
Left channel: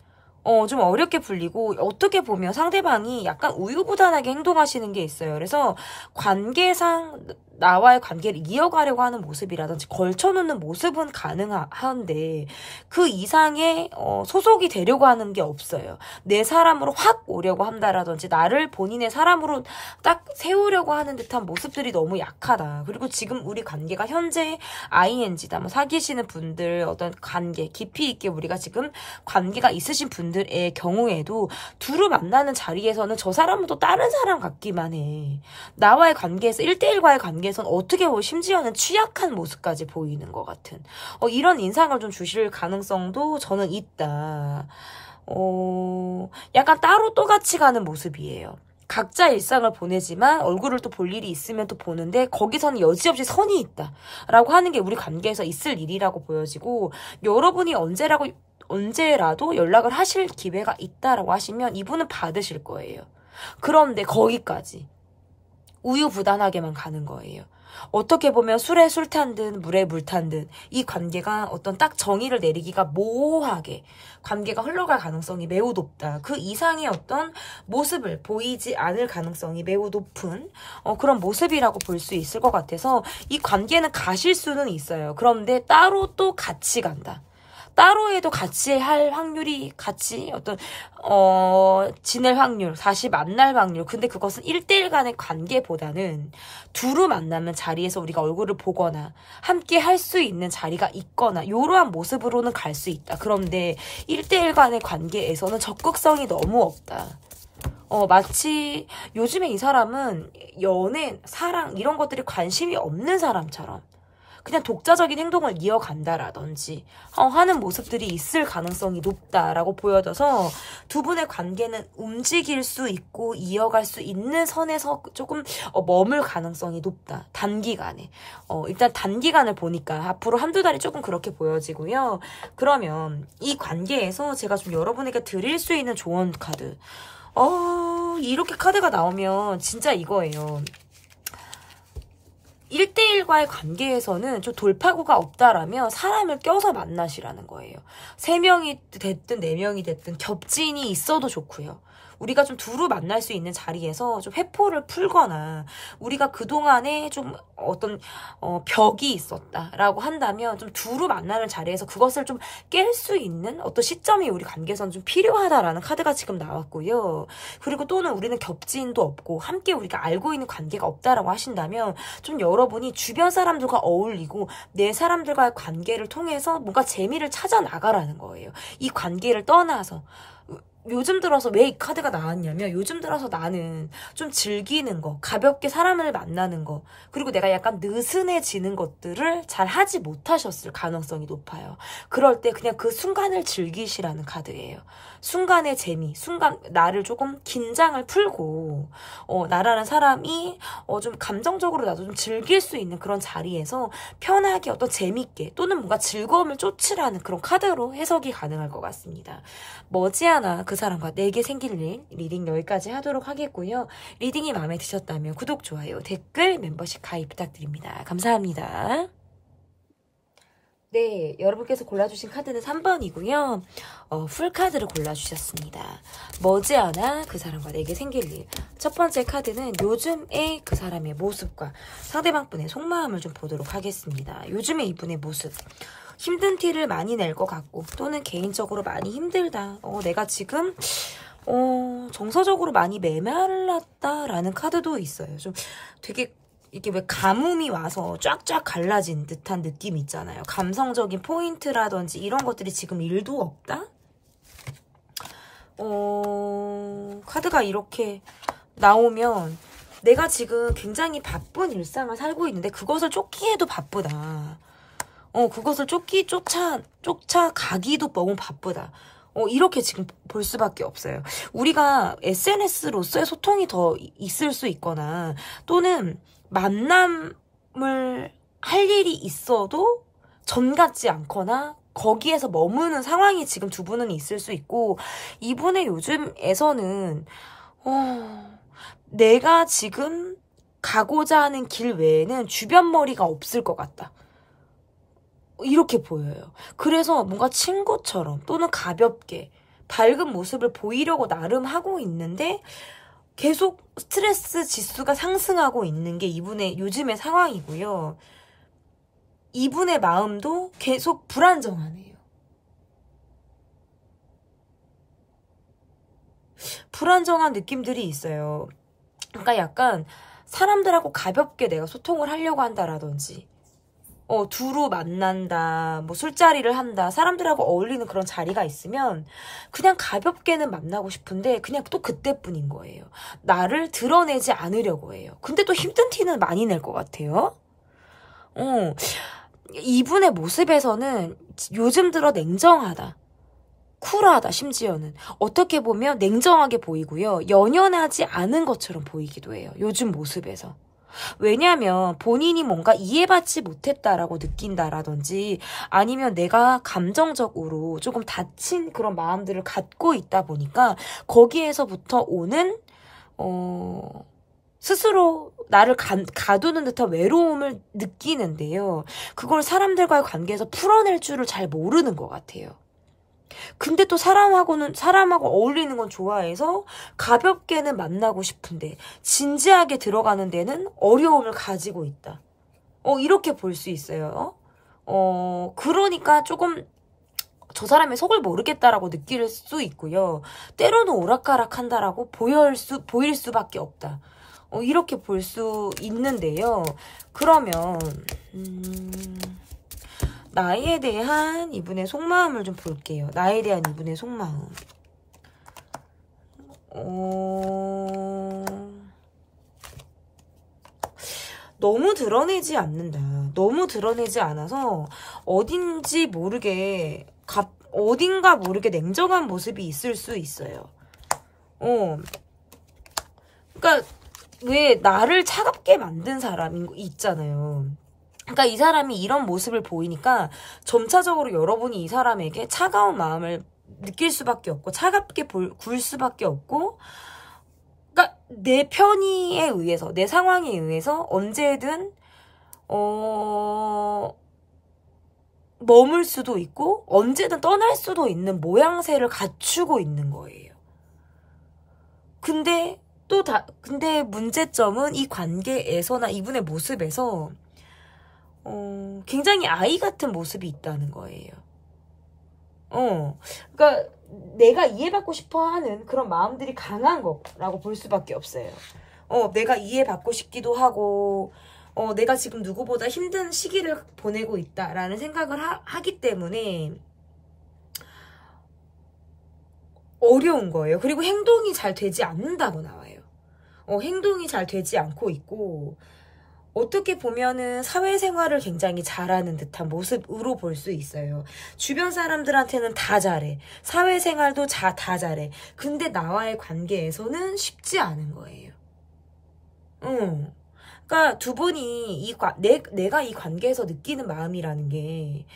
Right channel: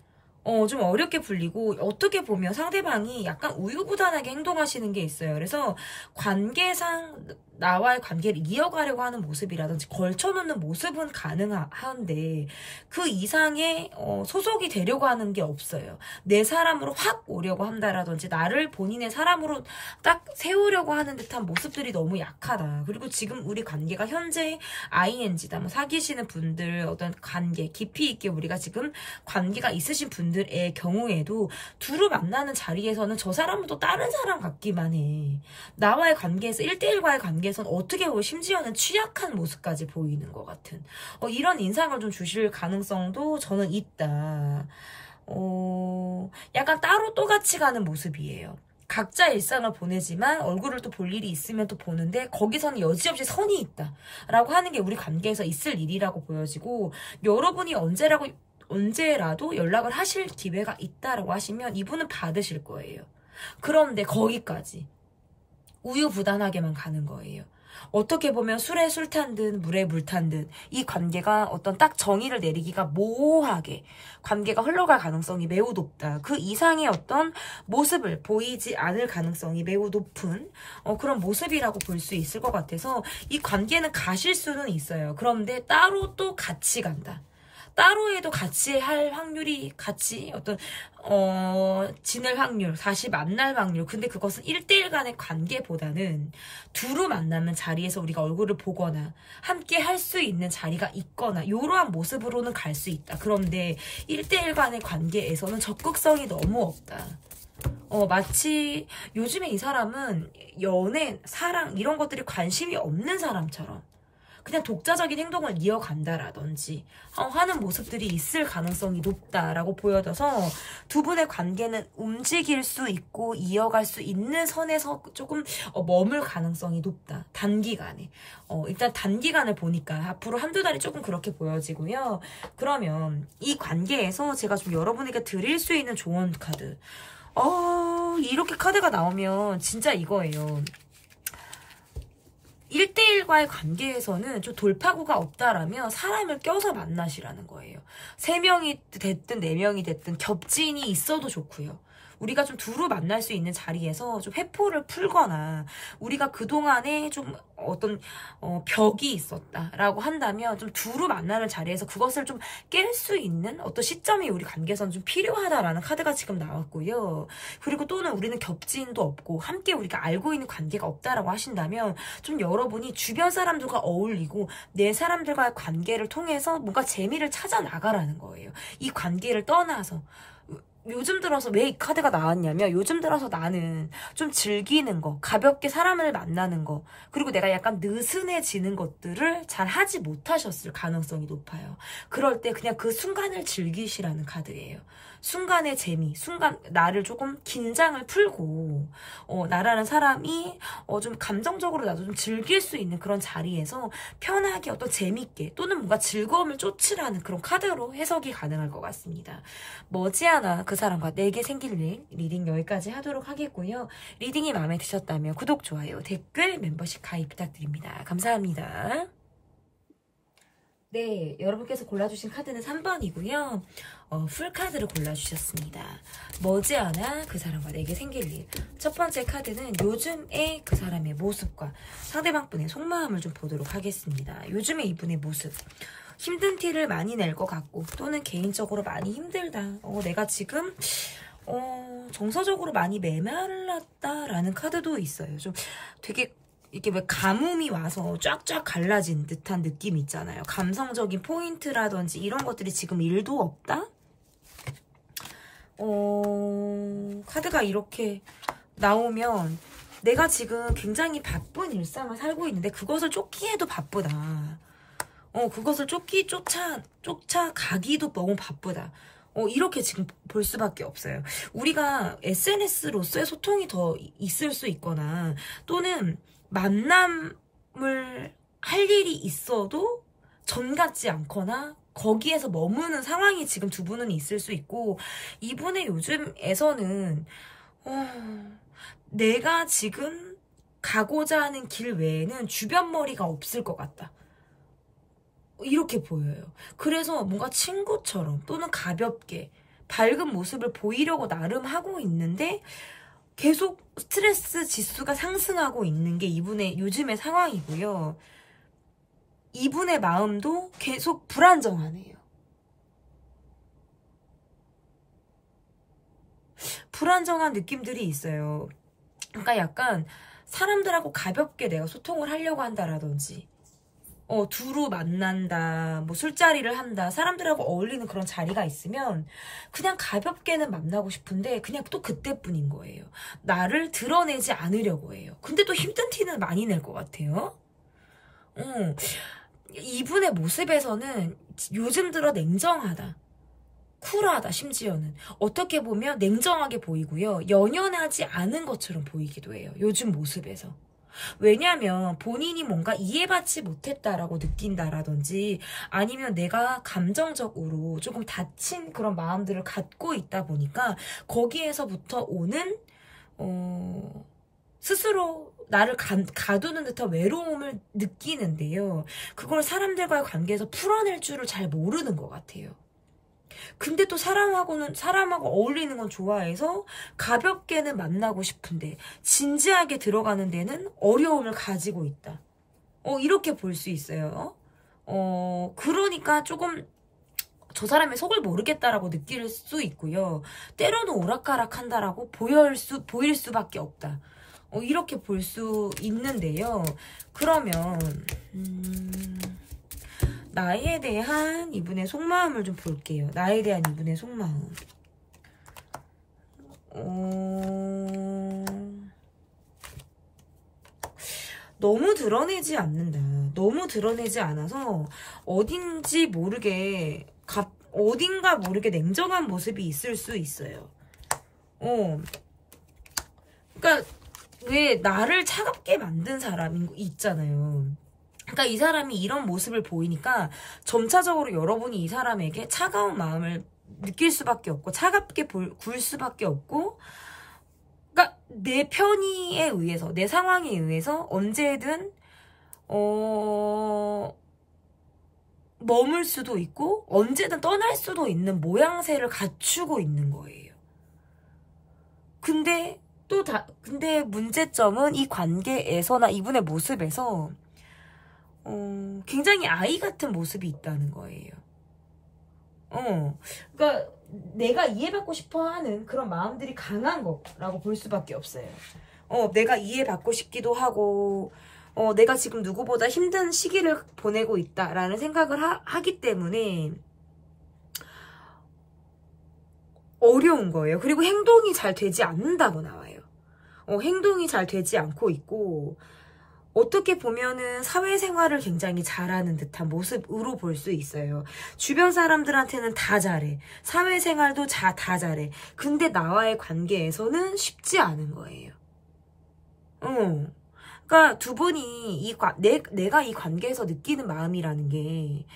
좀 어렵게 풀리고, 어떻게 보면 상대방이 약간 우유부단하게 행동하시는 게 있어요. 그래서 관계상 나와의 관계를 이어가려고 하는 모습이라든지 걸쳐놓는 모습은 가능한데, 그 이상의 소속이 되려고 하는 게 없어요. 내 사람으로 확 오려고 한다라든지, 나를 본인의 사람으로 딱 세우려고 하는 듯한 모습들이 너무 약하다. 그리고 지금 우리 관계가 현재 ING다. 뭐 사귀시는 분들, 어떤 관계, 깊이 있게 우리가 지금 관계가 있으신 분들의 경우에도 두루 만나는 자리에서는 저 사람은 또 다른 사람 같기만 해. 나와의 관계에서 1대1과의 관계에서는 어떻게 보면 심지어는 취약한 모습까지 보이는 것 같은 이런 인상을 좀 주실 가능성도 저는 있다. 약간 따로 또 같이 가는 모습이에요. 각자 일상을 보내지만 얼굴을 또 볼 일이 있으면 또 보는데, 거기서는 여지없이 선이 있다 라고 하는 게 우리 관계에서 있을 일이라고 보여지고, 여러분이 언제라도 연락을 하실 기회가 있다라고 하시면 이분은 받으실 거예요. 그런데 거기까지 우유부단하게만 가는 거예요. 어떻게 보면 술에 술 탄 듯 물에 물 탄 듯 이 관계가 어떤 딱 정의를 내리기가 모호하게 관계가 흘러갈 가능성이 매우 높다. 그 이상의 어떤 모습을 보이지 않을 가능성이 매우 높은 그런 모습이라고 볼 수 있을 것 같아서, 이 관계는 가실 수는 있어요. 그런데 따로 또 같이 간다. 따로 해도 같이 할 확률이, 같이 지낼 확률, 다시 만날 확률. 근데 그것은 1대1 간의 관계보다는 두루 만나면 자리에서 우리가 얼굴을 보거나 함께 할 수 있는 자리가 있거나 이러한 모습으로는 갈 수 있다. 그런데 1대1 간의 관계에서는 적극성이 너무 없다. 마치 요즘에 이 사람은 연애, 사랑 이런 것들이 관심이 없는 사람처럼 그냥 독자적인 행동을 이어간다라든지 하는 모습들이 있을 가능성이 높다라고 보여져서 두 분의 관계는 움직일 수 있고 이어갈 수 있는 선에서 조금 머물 가능성이 높다. 단기간에. 일단 단기간을 보니까 앞으로 한두 달이 조금 그렇게 보여지고요. 그러면 이 관계에서 제가 좀 여러분에게 드릴 수 있는 조언 카드. 이렇게 카드가 나오면 진짜 이거예요. 1대1과의 관계에서는 좀 돌파구가 없다라면 사람을 껴서 만나시라는 거예요. 3명이 됐든 4명이 됐든 겹진이 있어도 좋고요. 우리가 좀 두루 만날 수 있는 자리에서 좀 회포를 풀거나 우리가 그동안에 좀 어떤 벽이 있었다라고 한다면 좀 두루 만나는 자리에서 그것을 좀 깰 수 있는 어떤 시점이 우리 관계에서는 좀 필요하다라는 카드가 지금 나왔고요. 그리고 또는 우리는 겹지인도 없고 함께 우리가 알고 있는 관계가 없다라고 하신다면 좀 여러분이 주변 사람들과 어울리고 내 사람들과의 관계를 통해서 뭔가 재미를 찾아 나가라는 거예요. 이 관계를 떠나서 요즘 들어서 왜 이 카드가 나왔냐면 요즘 들어서 나는 좀 즐기는 거, 가볍게 사람을 만나는 거, 그리고 내가 약간 느슨해지는 것들을 잘 하지 못하셨을 가능성이 높아요. 그럴 때 그냥 그 순간을 즐기시라는 카드예요. 순간의 재미, 순간 나를 조금 긴장을 풀고 나라는 사람이 좀 감정적으로 나도 좀 즐길 수 있는 그런 자리에서 편하게 어떤 재밌게 또는 뭔가 즐거움을 쫓으라는 그런 카드로 해석이 가능할 것 같습니다. 머지않아 그 사람과 내게 생길 일 리딩 여기까지 하도록 하겠고요. 리딩이 마음에 드셨다면 구독, 좋아요, 댓글, 멤버십 가입 부탁드립니다. 감사합니다. 네, 여러분께서 골라주신 카드는 3번이고요. 풀카드를 골라주셨습니다. 머지않아 그 사람과 내게 생길 일. 첫 번째 카드는 요즘의 그 사람의 모습과 상대방 분의 속마음을 좀 보도록 하겠습니다. 요즘의 이분의 모습. 힘든 티를 많이 낼 것 같고 또는 개인적으로 많이 힘들다. 내가 지금 정서적으로 많이 메말랐다라는 카드도 있어요. 좀 되게 이렇게 왜 가뭄이 와서 쫙쫙 갈라진 듯한 느낌 있잖아요. 감성적인 포인트라든지 이런 것들이 지금 일도 없다? 카드가 이렇게 나오면 내가 지금 굉장히 바쁜 일상을 살고 있는데 그것을 쫓기에도 바쁘다. 그것을 쫓아가기도 너무 바쁘다. 이렇게 지금 볼 수밖에 없어요. 우리가 SNS로서의 소통이 더 있을 수 있거나 또는 만남을 할 일이 있어도 전 같지 않거나 거기에서 머무는 상황이 지금 두 분은 있을 수 있고 이분의 요즘에서는 내가 지금 가고자 하는 길 외에는 주변 머리가 없을 것 같다. 이렇게 보여요. 그래서 뭔가 친구처럼 또는 가볍게 밝은 모습을 보이려고 나름 하고 있는데 계속 스트레스 지수가 상승하고 있는 게 이분의 요즘의 상황이고요. 이분의 마음도 계속 불안정하네요. 불안정한 느낌들이 있어요. 그러니까 약간 사람들하고 가볍게 내가 소통을 하려고 한다라든지 두루 만난다, 뭐 술자리를 한다, 사람들하고 어울리는 그런 자리가 있으면 그냥 가볍게는 만나고 싶은데 그냥 또 그때뿐인 거예요. 나를 드러내지 않으려고 해요. 근데 또 힘든 티는 많이 낼 것 같아요. 이분의 모습에서는 요즘 들어 냉정하다, 쿨하다, 심지어는 어떻게 보면 냉정하게 보이고요. 연연하지 않은 것처럼 보이기도 해요. 요즘 모습에서. 왜냐하면 본인이 뭔가 이해받지 못했다라고 느낀다라든지 아니면 내가 감정적으로 조금 다친 그런 마음들을 갖고 있다 보니까 거기에서부터 오는 스스로 나를 가두는 듯한 외로움을 느끼는데요. 그걸 사람들과의 관계에서 풀어낼 줄을 잘 모르는 것 같아요. 근데 또 사람하고 어울리는 건 좋아해서 가볍게는 만나고 싶은데 진지하게 들어가는 데는 어려움을 가지고 있다. 이렇게 볼 수 있어요. 그러니까 조금 저 사람의 속을 모르겠다라고 느낄 수 있고요. 때로는 오락가락한다라고 보일 수밖에 없다. 이렇게 볼 수 있는데요. 그러면 나에 대한 이분의 속마음을 좀 볼게요. 나에 대한 이분의 속마음. 너무 드러내지 않는다. 너무 드러내지 않아서 어딘지 모르게 어딘가 모르게 냉정한 모습이 있을 수 있어요. 그러니까 왜 나를 차갑게 만든 사람이 있잖아요. 그러니까 이 사람이 이런 모습을 보이니까 점차적으로 여러분이 이 사람에게 차가운 마음을 느낄 수밖에 없고 차갑게 굴 수밖에 없고, 그러니까 내 편의에 의해서, 내 상황에 의해서 언제든 머물 수도 있고 언제든 떠날 수도 있는 모양새를 갖추고 있는 거예요. 근데 문제점은 이 관계에서나 이분의 모습에서 굉장히 아이 같은 모습이 있다는 거예요. 그러니까 내가 이해받고 싶어하는 그런 마음들이 강한 거라고 볼 수밖에 없어요. 내가 이해받고 싶기도 하고, 내가 지금 누구보다 힘든 시기를 보내고 있다라는 생각을 하기 때문에 어려운 거예요. 그리고 행동이 잘 되지 않는다고 나와요. 행동이 잘 되지 않고 있고, 어떻게 보면은 사회생활을 굉장히 잘하는 듯한 모습으로 볼 수 있어요. 주변 사람들한테는 다 잘해. 사회생활도 다 잘해. 근데 나와의 관계에서는 쉽지 않은 거예요. 그러니까 두 분이 내가 이 관계에서 느끼는 마음이라는 게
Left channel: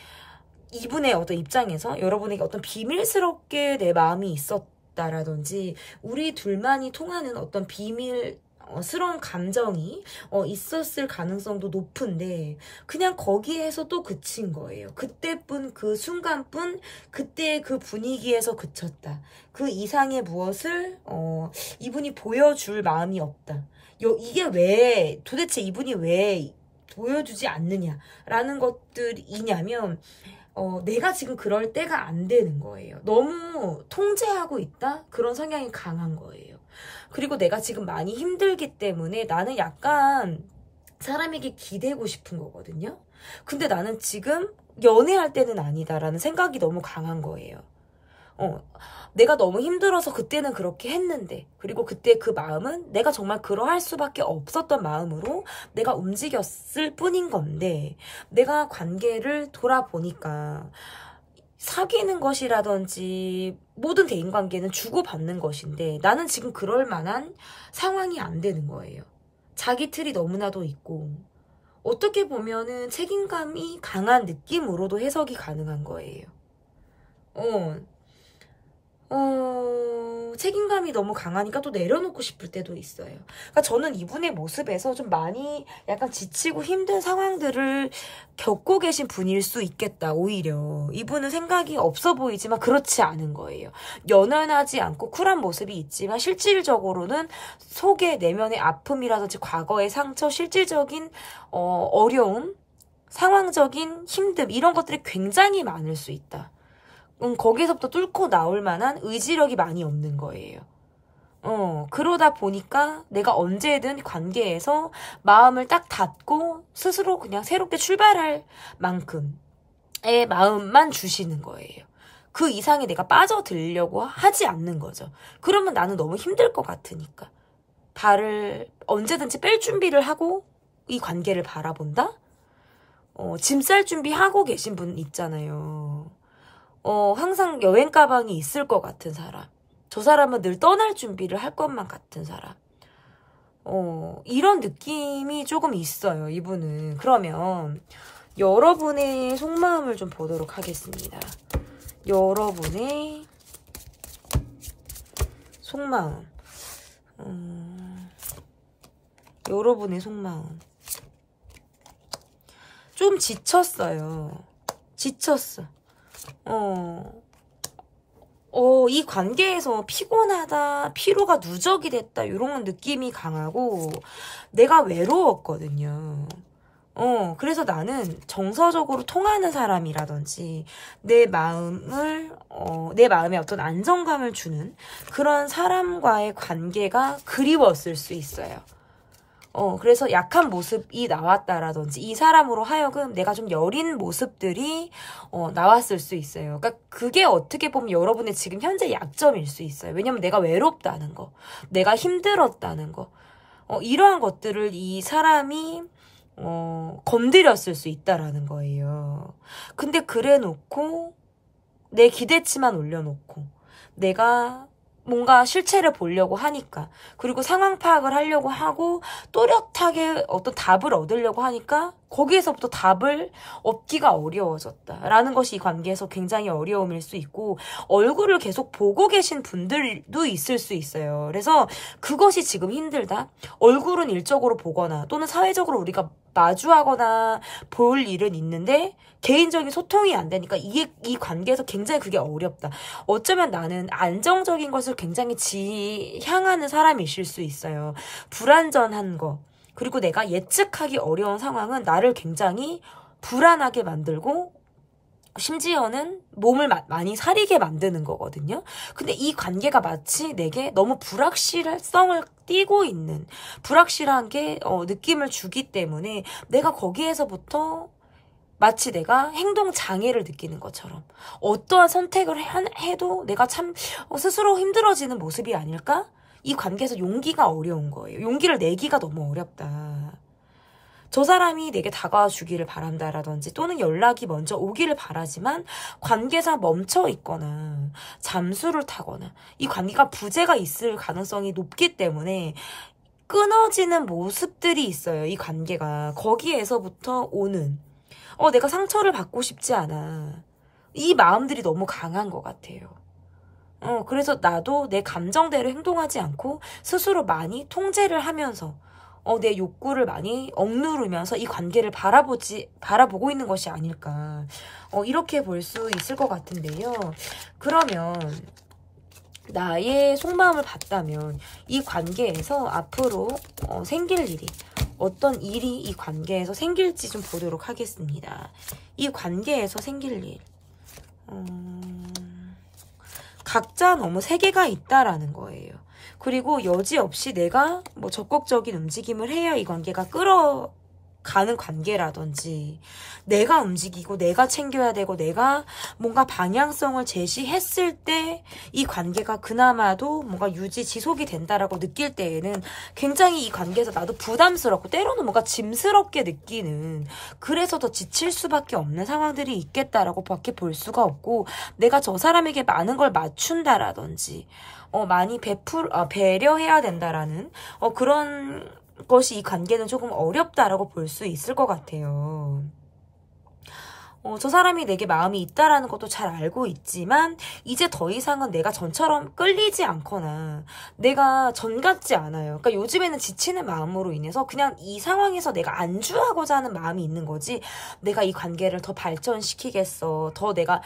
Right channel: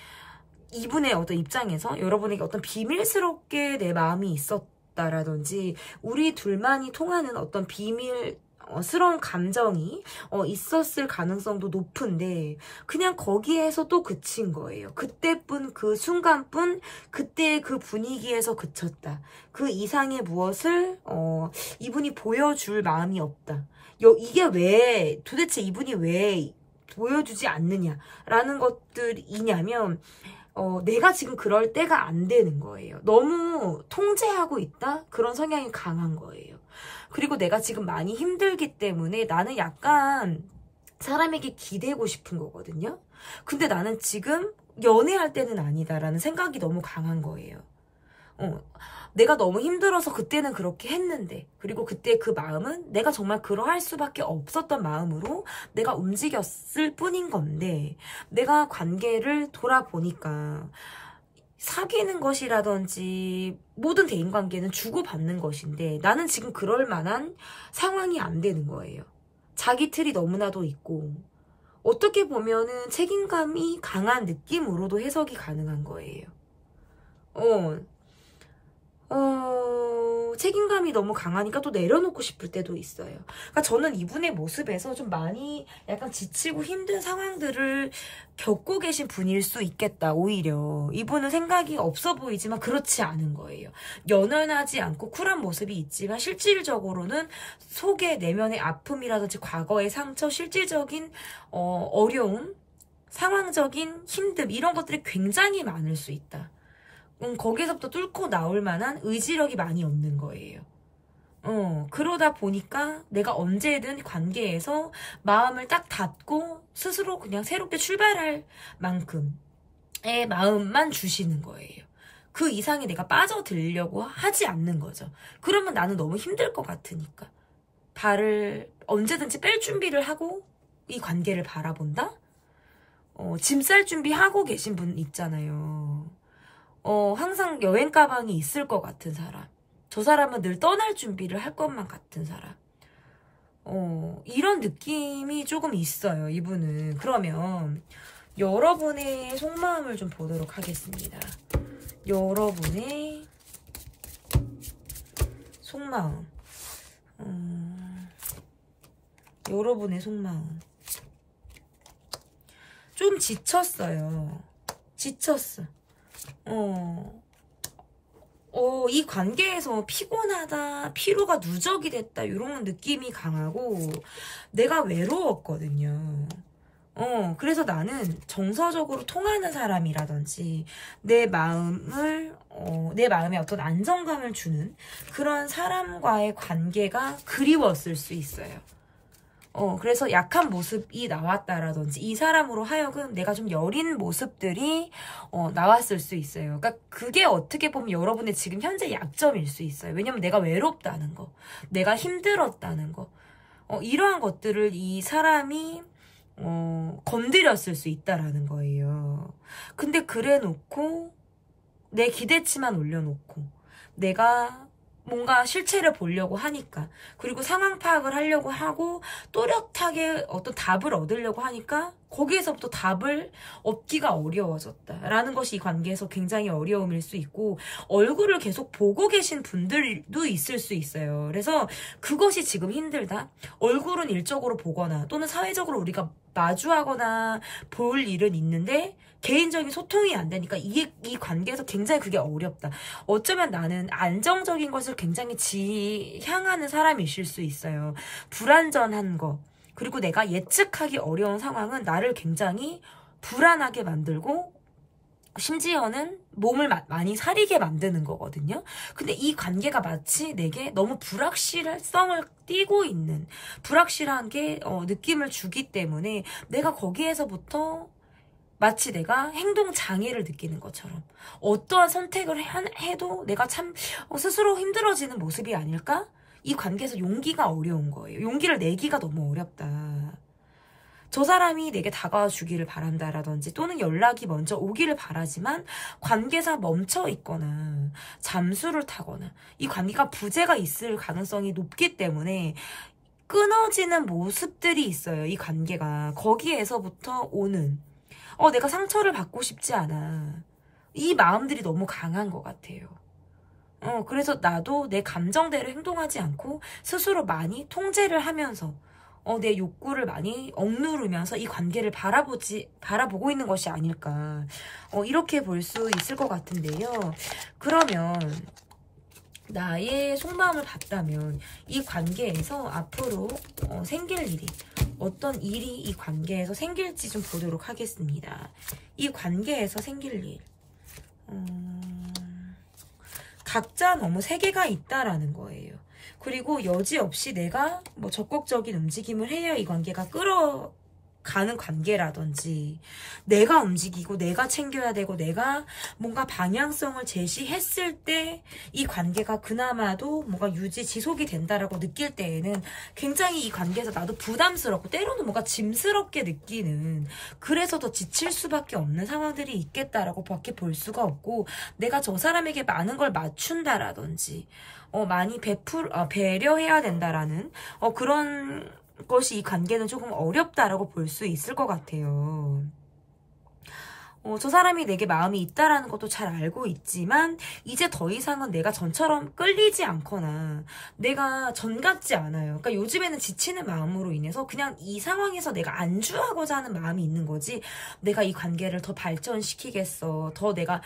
이분의 어떤 입장에서 여러분에게 어떤 비밀스럽게 내 마음이 있었다라든지 우리 둘만이 통하는 어떤 비밀스러운 감정이 있었을 가능성도 높은데 그냥 거기에서 또 그친 거예요. 그때뿐, 그 순간뿐, 그때의 그 분위기에서 그쳤다. 그 이상의 무엇을 이분이 보여줄 마음이 없다. 이게 도대체 이분이 왜 보여주지 않느냐라는 것들이냐면 내가 지금 그럴 때가 안 되는 거예요. 너무 통제하고 있다? 그런 성향이 강한 거예요. 그리고 내가 지금 많이 힘들기 때문에 나는 약간 사람에게 기대고 싶은 거거든요. 근데 나는 지금 연애할 때는 아니다라는 생각이 너무 강한 거예요. 내가 너무 힘들어서 그때는 그렇게 했는데, 그리고 그때 그 마음은 내가 정말 그러할 수밖에 없었던 마음으로 내가 움직였을 뿐인 건데, 내가 관계를 돌아보니까 사귀는 것이라든지 모든 대인관계는 주고받는 것인데 나는 지금 그럴 만한 상황이 안 되는 거예요. 자기 틀이 너무나도 있고 어떻게 보면은 책임감이 강한 느낌으로도 해석이 가능한 거예요. 책임감이 너무 강하니까 또 내려놓고 싶을 때도 있어요. 그러니까 저는 이분의 모습에서 좀 많이 약간 지치고 힘든 상황들을 겪고 계신 분일 수 있겠다. 오히려 이분은 생각이 없어 보이지만 그렇지 않은 거예요. 연연하지 않고 쿨한 모습이 있지만 실질적으로는 속에 내면의 아픔이라든지 과거의 상처, 실질적인 어려움, 상황적인 힘듦 이런 것들이 굉장히 많을 수 있다. 거기서부터 뚫고 나올 만한 의지력이 많이 없는 거예요. 그러다 보니까 내가 언제든 관계에서 마음을 딱 닫고 스스로 그냥 새롭게 출발할 만큼의 마음만 주시는 거예요. 그 이상이 내가 빠져들려고 하지 않는 거죠. 그러면 나는 너무 힘들 것 같으니까. 발을 언제든지 뺄 준비를 하고 이 관계를 바라본다? 짐 쌀 준비하고 계신 분 있잖아요. 항상 여행 가방이 있을 것 같은 사람. 저 사람은 늘 떠날 준비를 할 것만 같은 사람. 이런 느낌이 조금 있어요, 이분은. 그러면 여러분의 속마음을 좀 보도록 하겠습니다. 여러분의 속마음. 여러분의 속마음. 좀 지쳤어요. 지쳤어. 이 관계에서 피곤하다, 피로가 누적이 됐다 이런 느낌이 강하고 내가 외로웠거든요. 그래서 나는 정서적으로 통하는 사람이라든지 내 마음에 어떤 안정감을 주는 그런 사람과의 관계가 그리웠을 수 있어요. 그래서 약한 모습이 나왔다라든지 이 사람으로 하여금 내가 좀 여린 모습들이 나왔을 수 있어요. 그러니까 그게 어떻게 보면 여러분의 지금 현재 약점일 수 있어요. 왜냐면 내가 외롭다는 거, 내가 힘들었다는 거, 이러한 것들을 이 사람이 건드렸을 수 있다라는 거예요. 근데 그래 놓고 내 기대치만 올려놓고 내가 뭔가 실체를 보려고 하니까, 그리고 상황 파악을 하려고 하고 또렷하게 어떤 답을 얻으려고 하니까 거기에서부터 답을 얻기가 어려워졌다라는 것이 이 관계에서 굉장히 어려움일 수 있고, 얼굴을 계속 보고 계신 분들도 있을 수 있어요. 그래서 그것이 지금 힘들다. 얼굴은 일적으로 보거나 또는 사회적으로 우리가 마주하거나 볼 일은 있는데 개인적인 소통이 안 되니까 이 관계에서 굉장히 그게 어렵다. 어쩌면 나는 안정적인 것을 굉장히 지향하는 사람이실 수 있어요. 불안전한 거, 그리고 내가 예측하기 어려운 상황은 나를 굉장히 불안하게 만들고 심지어는 몸을 많이 사리게 만드는 거거든요. 근데 이 관계가 마치 내게 너무 불확실성을 띠고 있는, 불확실한 게 느낌을 주기 때문에 내가 거기에서부터 마치 내가 행동 장애를 느끼는 것처럼 어떠한 선택을 해도 내가 참 스스로 힘들어지는 모습이 아닐까? 이 관계에서 용기가 어려운 거예요. 용기를 내기가 너무 어렵다. 저 사람이 내게 다가와 주기를 바란다라든지 또는 연락이 먼저 오기를 바라지만 관계상 멈춰 있거나 잠수를 타거나 이 관계가 부재가 있을 가능성이 높기 때문에 끊어지는 모습들이 있어요. 이 관계가. 거기에서부터 오는 내가 상처를 받고 싶지 않아. 이 마음들이 너무 강한 것 같아요. 그래서 나도 내 감정대로 행동하지 않고 스스로 많이 통제를 하면서 내 욕구를 많이 억누르면서 이 관계를 바라보고 있는 것이 아닐까. 이렇게 볼 수 있을 것 같은데요. 그러면 나의 속마음을 봤다면 이 관계에서 앞으로 생길 일이, 어떤 일이 이 관계에서 생길지 좀 보도록 하겠습니다. 이 관계에서 생길 일. 각자 너무 세계가 있다라는 거예요. 그리고 여지없이 내가 적극적인 움직임을 해야 이 관계가 끌어가는 관계라든지, 내가 움직이고 내가 챙겨야 되고 내가 뭔가 방향성을 제시했을 때 이 관계가 그나마도 뭔가 지속이 된다라고 느낄 때에는 굉장히 이 관계에서 나도 부담스럽고 때로는 뭔가 짐스럽게 느끼는, 그래서 더 지칠 수밖에 없는 상황들이 있겠다라고 밖에 볼 수가 없고, 내가 저 사람에게 많은 걸 맞춘다라든지 많이 배려해야 된다라는 그런 것이 이 관계는 조금 어렵다라고 볼 수 있을 것 같아요. 저 사람이 내게 마음이 있다라는 것도 잘 알고 있지만 이제 더 이상은 내가 전처럼 끌리지 않거나 내가 전 같지 않아요. 그러니까 요즘에는 지치는 마음으로 인해서 그냥 이 상황에서 내가 안주하고자 하는 마음이 있는 거지, 내가 이 관계를 더 발전시키겠어, 더 내가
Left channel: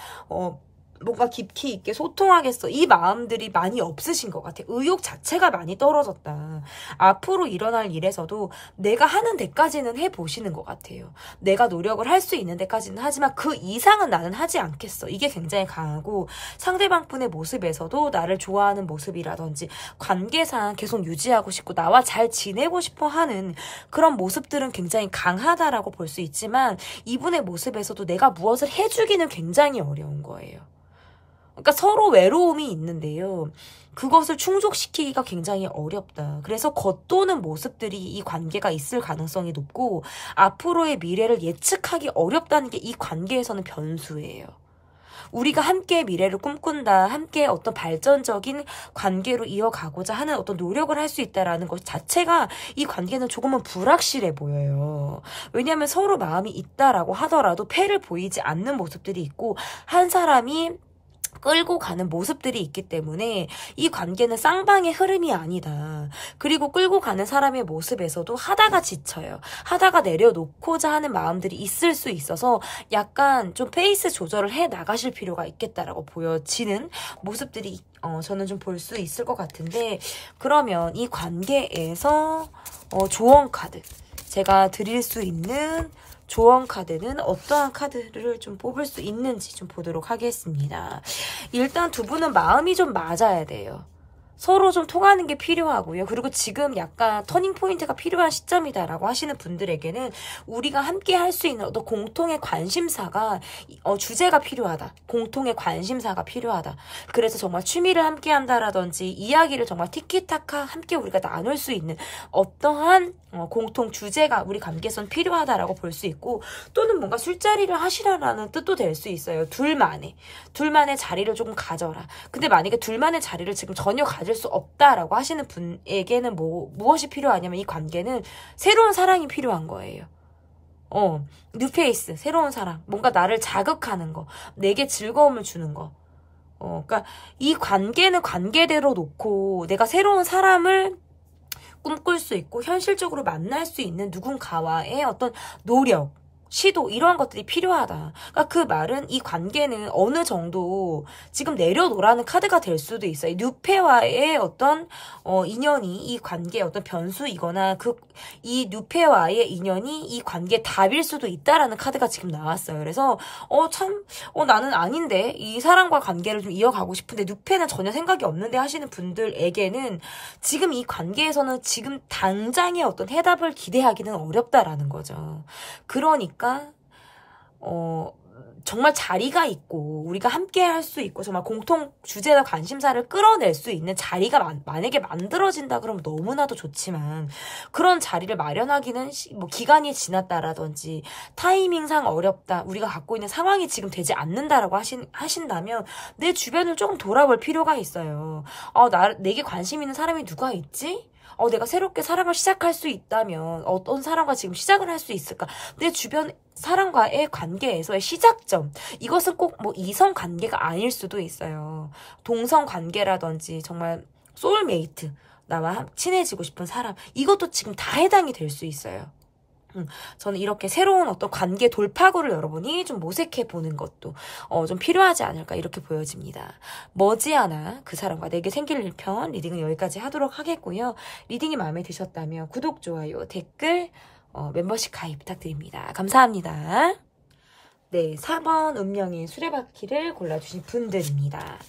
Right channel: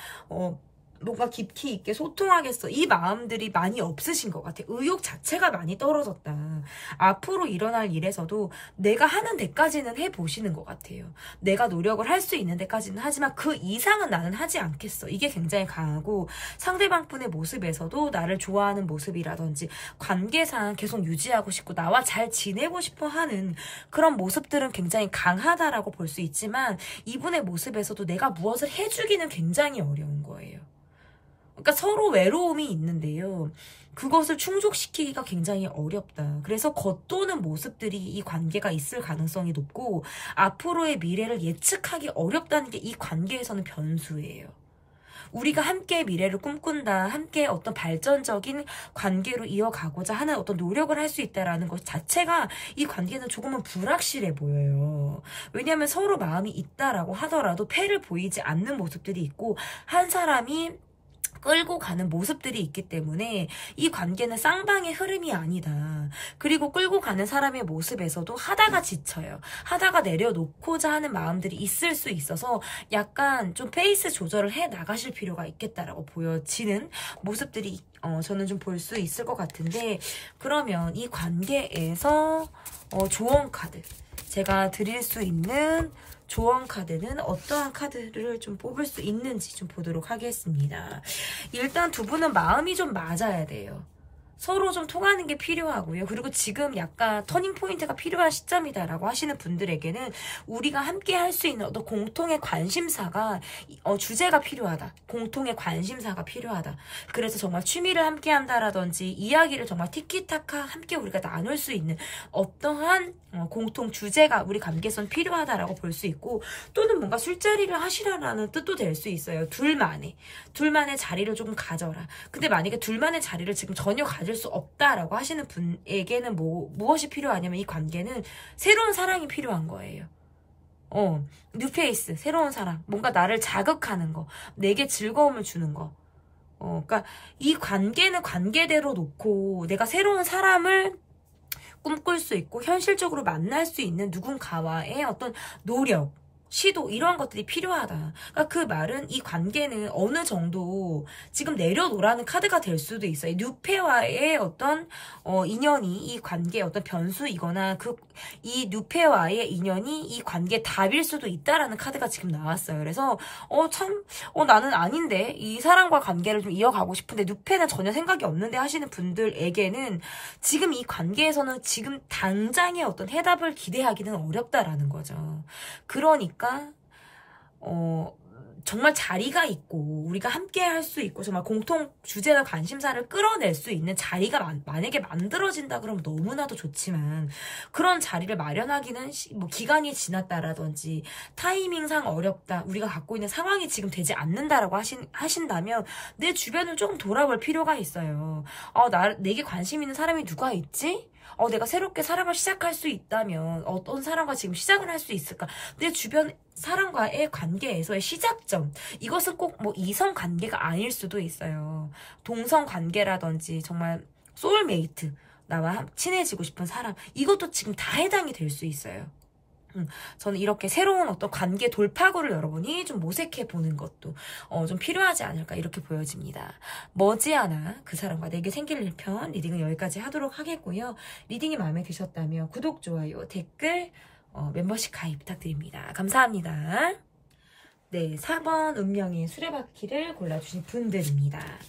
뭔가 깊이 있게 소통하겠어, 이 마음들이 많이 없으신 것 같아요. 의욕 자체가 많이 떨어졌다. 앞으로 일어날 일에서도 내가 하는 데까지는 해보시는 것 같아요. 내가 노력을 할 수 있는 데까지는 하지만 그 이상은 나는 하지 않겠어, 이게 굉장히 강하고, 상대방분의 모습에서도 나를 좋아하는 모습이라든지 관계상 계속 유지하고 싶고 나와 잘 지내고 싶어 하는 그런 모습들은 굉장히 강하다라고 볼 수 있지만, 이분의 모습에서도 내가 무엇을 해주기는 굉장히 어려운 거예요. 그러니까 서로 외로움이 있는데요. 그것을 충족시키기가 굉장히 어렵다. 그래서 겉도는 모습들이 이 관계가 있을 가능성이 높고, 앞으로의 미래를 예측하기 어렵다는 게 이 관계에서는 변수예요. 우리가 함께 미래를 꿈꾼다, 함께 어떤 발전적인 관계로 이어가고자 하는 어떤 노력을 할 수 있다는 것 자체가 이 관계는 조금은 불확실해 보여요. 왜냐하면 서로 마음이 있다라고 하더라도 패를 보이지 않는 모습들이 있고, 한 사람이 끌고 가는 모습들이 있기 때문에 이 관계는 쌍방의 흐름이 아니다. 그리고 끌고 가는 사람의 모습에서도 하다가 지쳐요. 하다가 내려놓고자 하는 마음들이 있을 수 있어서 약간 좀 페이스 조절을 해 나가실 필요가 있겠다라고 보여지는 모습들이 저는 좀 볼 수 있을 것 같은데, 그러면 이 관계에서 조언 카드. 제가 드릴 수 있는 조언 카드는 어떠한 카드를 좀 뽑을 수 있는지 좀 보도록 하겠습니다. 일단 두 분은 마음이 좀 맞아야 돼요. 서로 좀 통하는 게 필요하고요. 그리고 지금 약간 터닝포인트가 필요한 시점이다라고 하시는 분들에게는 우리가 함께 할 수 있는 어떤 공통의 관심사가 주제가 필요하다. 공통의 관심사가 필요하다. 그래서 정말 취미를 함께 한다라든지 이야기를 정말 티키타카 함께 우리가 나눌 수 있는 어떠한 공통 주제가 우리 관계에선 필요하다라고 볼 수 있고, 또는 뭔가 술자리를 하시라라는 뜻도 될 수 있어요. 둘만의 자리를 조금 가져라. 근데 만약에 둘만의 자리를 지금 전혀 가질 수 없다라고 하시는 분에게는 무엇이 필요하냐면, 이 관계는 새로운 사랑이 필요한 거예요. 뉴페이스, 새로운 사랑, 뭔가 나를 자극하는 거, 내게 즐거움을 주는 거. 그러니까 이 관계는 관계대로 놓고 내가 새로운 사람을 꿈꿀 수 있고 현실적으로 만날 수 있는 누군가와의 어떤 노력, 시도, 이러한 것들이 필요하다. 그러니까 그 말은 이 관계는 어느 정도 지금 내려놓으라는 카드가 될 수도 있어요. 뉴페와의 어떤 인연이 이 관계의 어떤 변수이거나 이 뉴페와의 인연이 이 관계의 답일 수도 있다라는 카드가 지금 나왔어요. 그래서 나는 아닌데 이 사람과 관계를 좀 이어가고 싶은데 뉴페는 전혀 생각이 없는데 하시는 분들에게는 지금 이 관계에서는 지금 당장의 어떤 해답을 기대하기는 어렵다라는 거죠. 그러니까 정말 자리가 있고 우리가 함께 할 수 있고 정말 공통 주제와 관심사를 끌어낼 수 있는 자리가 만약에 만들어진다 그러면 너무나도 좋지만, 그런 자리를 마련하기는 뭐 기간이 지났다라든지 타이밍상 어렵다, 우리가 갖고 있는 상황이 지금 되지 않는다라고 하신다면 내 주변을 조금 돌아볼 필요가 있어요. 내게 관심 있는 사람이 누가 있지? 내가 새롭게 사랑을 시작할 수 있다면 어떤 사람과 지금 시작을 할 수 있을까? 내 주변 사람과의 관계에서의 시작점, 이것은 꼭 뭐 이성 관계가 아닐 수도 있어요. 동성 관계라든지 정말 소울메이트, 나와 친해지고 싶은 사람, 이것도 지금 다 해당이 될 수 있어요. 저는 이렇게 새로운 어떤 관계 돌파구를 여러분이 좀 모색해 보는 것도 좀 필요하지 않을까, 이렇게 보여집니다. 머지않아 그 사람과 내게 생길 일 편 리딩은 여기까지 하도록 하겠고요. 리딩이 마음에 드셨다면 구독, 좋아요, 댓글, 멤버십 가입 부탁드립니다. 감사합니다. 네, 4번 운명의 수레바퀴를 골라주신 분들입니다.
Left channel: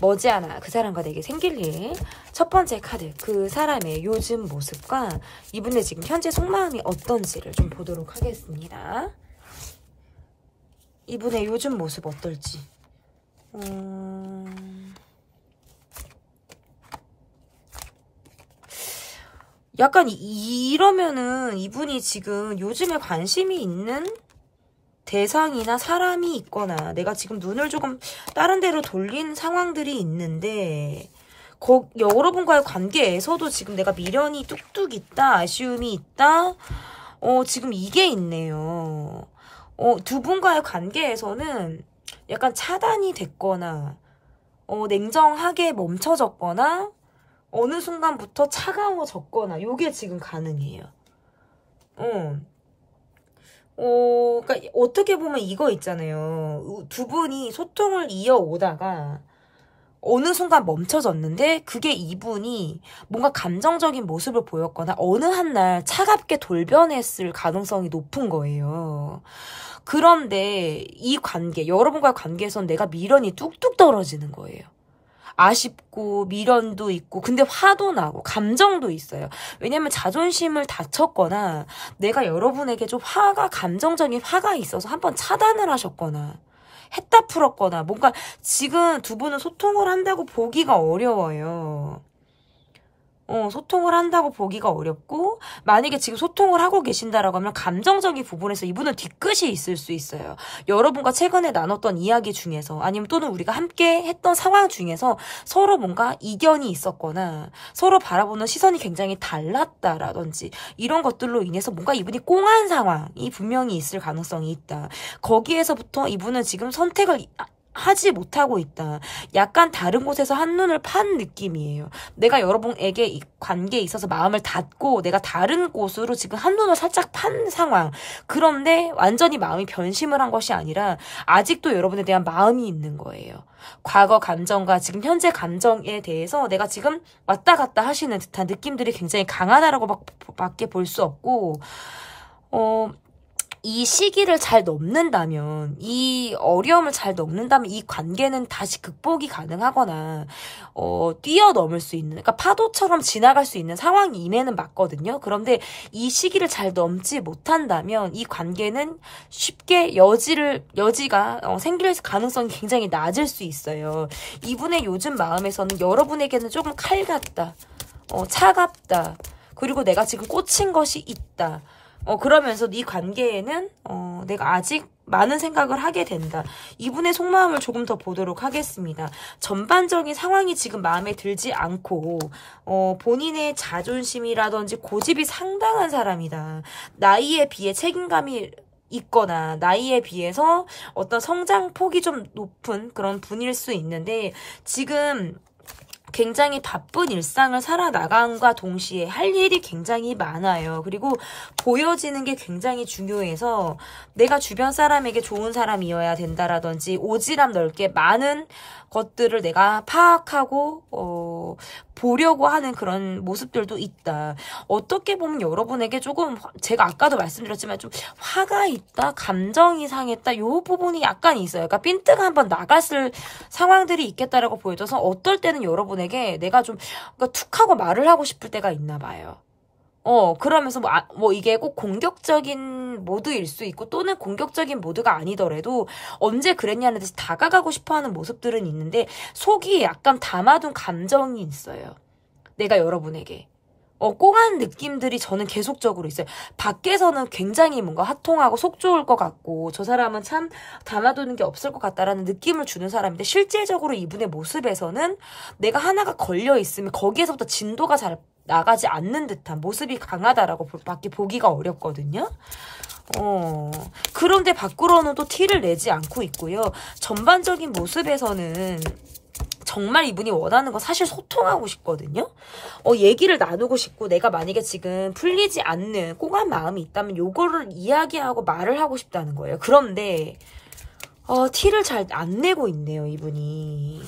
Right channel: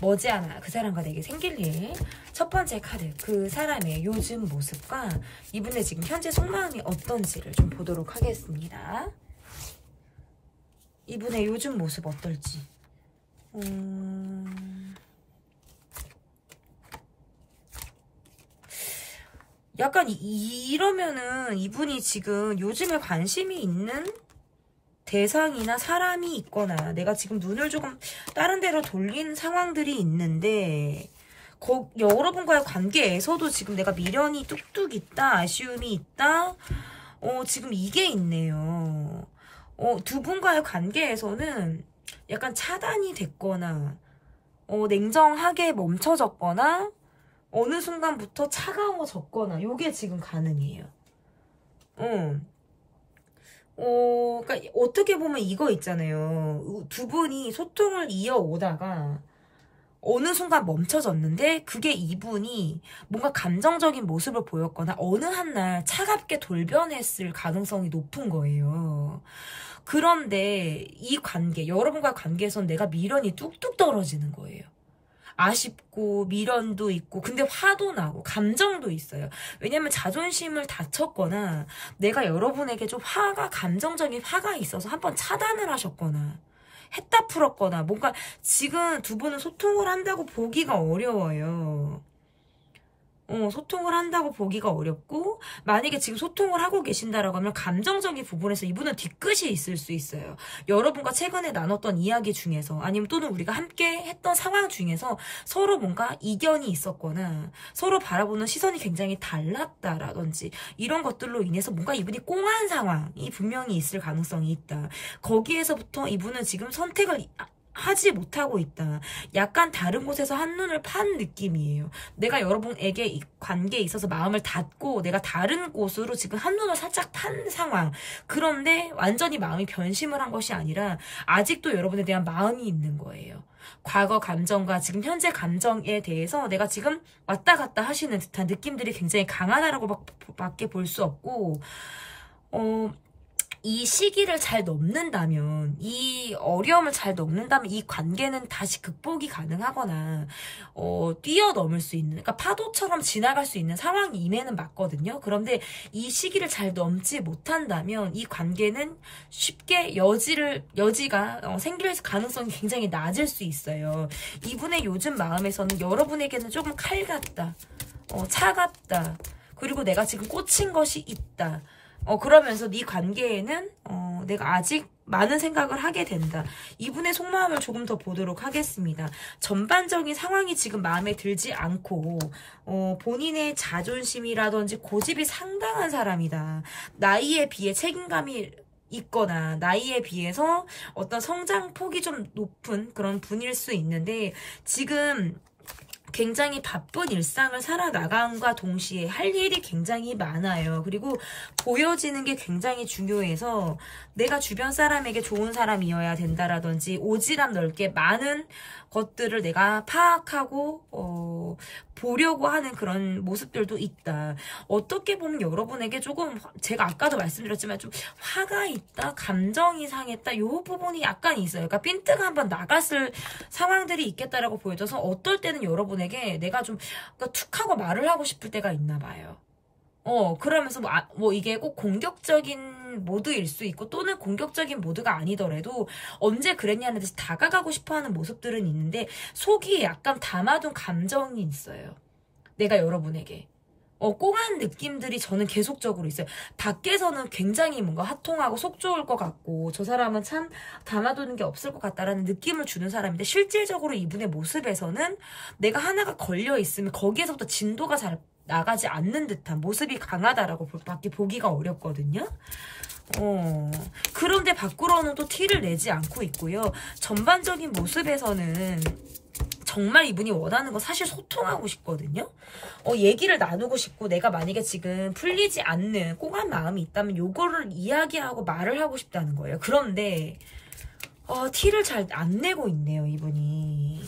머지않아 그 사람과 내게 생길 일. 첫 번째 카드, 그 사람의 요즘 모습과 이분의 지금 현재 속마음이 어떤지를 좀 보도록 하겠습니다. 이분의 요즘 모습 어떨지. 약간 이러면은 이분이 지금 요즘에 관심이 있는 대상이나 사람이 있거나 내가 지금 눈을 조금 다른 데로 돌린 상황들이 있는데, 여러분과의 관계에서도 지금 내가 미련이 뚝뚝 있다, 아쉬움이 있다, 지금 이게 있네요. 두 분과의 관계에서는 약간 차단이 됐거나 냉정하게 멈춰졌거나 어느 순간부터 차가워졌거나, 요게 지금 가능해요. 그러니까 어떻게 보면 이거 있잖아요. 두 분이 소통을 이어오다가 어느 순간 멈춰졌는데, 그게 이분이 뭔가 감정적인 모습을 보였거나 어느 한날 차갑게 돌변했을 가능성이 높은 거예요. 그런데 이 관계, 여러분과의 관계에선 내가 미련이 뚝뚝 떨어지는 거예요. 아쉽고 미련도 있고, 근데 화도 나고 감정도 있어요. 왜냐면 자존심을 다쳤거나 내가 여러분에게 좀 감정적인 화가 있어서 한번 차단을 하셨거나 했다 풀었거나, 뭔가 지금 두 분은 소통을 한다고 보기가 어려워요. 소통을 한다고 보기가 어렵고, 만약에 지금 소통을 하고 계신다라고 하면 감정적인 부분에서 이분은 뒤끝이 있을 수 있어요. 여러분과 최근에 나눴던 이야기 중에서, 아니면 또는 우리가 함께 했던 상황 중에서 서로 뭔가 이견이 있었거나 서로 바라보는 시선이 굉장히 달랐다라든지 이런 것들로 인해서 뭔가 이분이 꽁한 상황이 분명히 있을 가능성이 있다. 거기에서부터 이분은 지금 선택을 하지 못하고 있다. 약간 다른 곳에서 한눈을 판 느낌이에요. 내가 여러분에게 이 관계에 있어서 마음을 닫고 내가 다른 곳으로 지금 한눈을 살짝 판 상황. 그런데 완전히 마음이 변심을 한 것이 아니라 아직도 여러분에 대한 마음이 있는 거예요. 과거 감정과 지금 현재 감정에 대해서 내가 지금 왔다 갔다 하시는 듯한 느낌들이 굉장히 강하다라고 밖에 볼 수 없고, 이 시기를 잘 넘는다면, 이 어려움을 잘 넘는다면 이 관계는 다시 극복이 가능하거나 뛰어넘을 수 있는, 그러니까 파도처럼 지나갈 수 있는 상황이 임에는 맞거든요. 그런데 이 시기를 잘 넘지 못한다면 이 관계는 쉽게 여지가 생길 가능성이 굉장히 낮을 수 있어요. 이분의 요즘 마음에서는 여러분에게는 조금 칼 같다, 차갑다, 그리고 내가 지금 꽂힌 것이 있다. 그러면서 네 관계에는 내가 아직 많은 생각을 하게 된다. 이분의 속마음을 조금 더 보도록 하겠습니다. 전반적인 상황이 지금 마음에 들지 않고 본인의 자존심이라든지 고집이 상당한 사람이다. 나이에 비해 책임감이 있거나 나이에 비해서 어떤 성장폭이 좀 높은 그런 분일 수 있는데, 지금 굉장히 바쁜 일상을 살아나감과 동시에 할 일이 굉장히 많아요. 그리고 보여지는 게 굉장히 중요해서 내가 주변 사람에게 좋은 사람이어야 된다라든지 오지랖 넓게 많은 것들을 내가 파악하고 보려고 하는 그런 모습들도 있다. 어떻게 보면 여러분에게 조금, 제가 아까도 말씀드렸지만 좀 화가 있다, 감정이 상했다, 요 부분이 약간 있어요. 그러니까 핀트가 한번 나갔을 상황들이 있겠다라고 보여져서 어떨 때는 여러분에게 내가 좀 그러니까 툭 하고 말을 하고 싶을 때가 있나 봐요. 그러면서 이게 꼭 공격적인 모드일 수 있고 또는 공격적인 모드가 아니더라도 언제 그랬냐는 듯이 다가가고 싶어하는 모습들은 있는데 속이 약간 담아둔 감정이 있어요. 내가 여러분에게. 꽁한 느낌들이 저는 계속적으로 있어요. 밖에서는 굉장히 뭔가 화통하고 속 좋을 것 같고 저 사람은 참 담아두는 게 없을 것 같다라는 느낌을 주는 사람인데, 실제적으로 이분의 모습에서는 내가 하나가 걸려 있으면 거기에서부터 진도가 잘 나가지 않는 듯한 모습이 강하다라고 밖에 보기가 어렵거든요. 그런데 밖으로는 또 티를 내지 않고 있고요. 전반적인 모습에서는 정말 이분이 원하는 건 사실 소통하고 싶거든요. 얘기를 나누고 싶고 내가 만약에 지금 풀리지 않는 꽁한 마음이 있다면 요거를 이야기하고 말을 하고 싶다는 거예요. 그런데 티를 잘 안 내고 있네요, 이분이.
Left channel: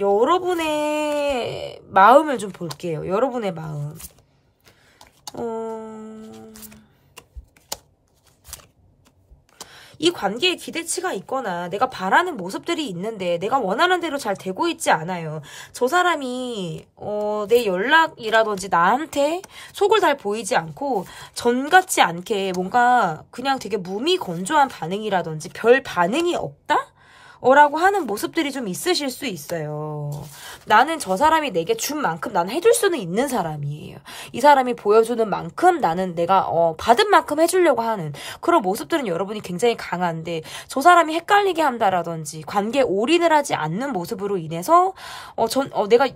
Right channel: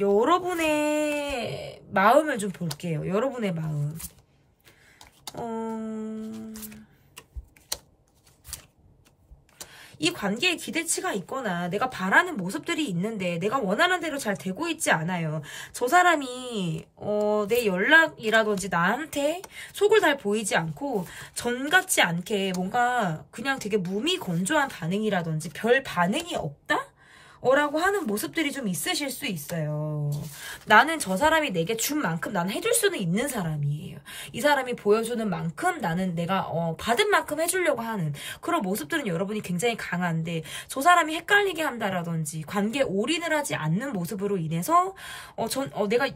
여러분의 마음을 좀 볼게요. 여러분의 마음. 이 관계에 기대치가 있거나 내가 바라는 모습들이 있는데 내가 원하는 대로 잘 되고 있지 않아요. 저 사람이 내 연락이라든지 나한테 속을 잘 보이지 않고 전 같지 않게 뭔가 그냥 되게 무미건조한 반응이라든지 별 반응이 없다? 라고 하는 모습들이 좀 있으실 수 있어요. 나는 저 사람이 내게 준 만큼 나는 해줄 수는 있는 사람이에요. 이 사람이 보여주는 만큼 나는 내가 받은 만큼 해주려고 하는 그런 모습들은 여러분이 굉장히 강한데, 저 사람이 헷갈리게 한다라든지 관계에 올인을 하지 않는 모습으로 인해서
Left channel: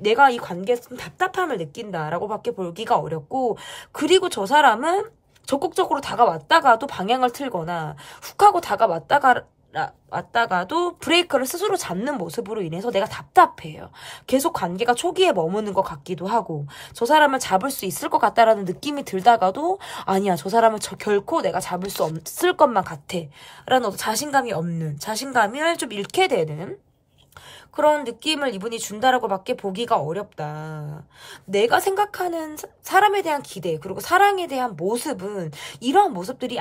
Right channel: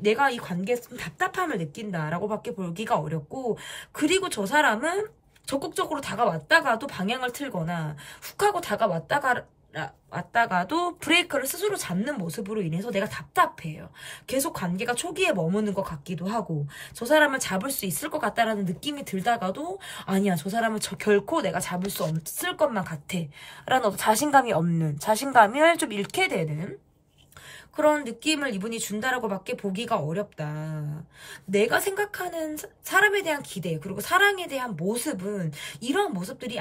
내가 이 관계에 좀 답답함을 느낀다라고 밖에 보기가 어렵고, 그리고 저 사람은 적극적으로 다가왔다가도 방향을 틀거나 훅 하고 왔다가도 브레이크를 스스로 잡는 모습으로 인해서 내가 답답해요. 계속 관계가 초기에 머무는 것 같기도 하고, 저 사람을 잡을 수 있을 것 같다라는 느낌이 들다가도 아니야, 저 사람을 결코 내가 잡을 수 없을 것만 같아 라는 자신감이 없는, 자신감을 좀 잃게 되는 그런 느낌을 이분이 준다라고 밖에 보기가 어렵다. 내가 생각하는 사람에 대한 기대, 그리고 사랑에 대한 모습은 이러한 모습들이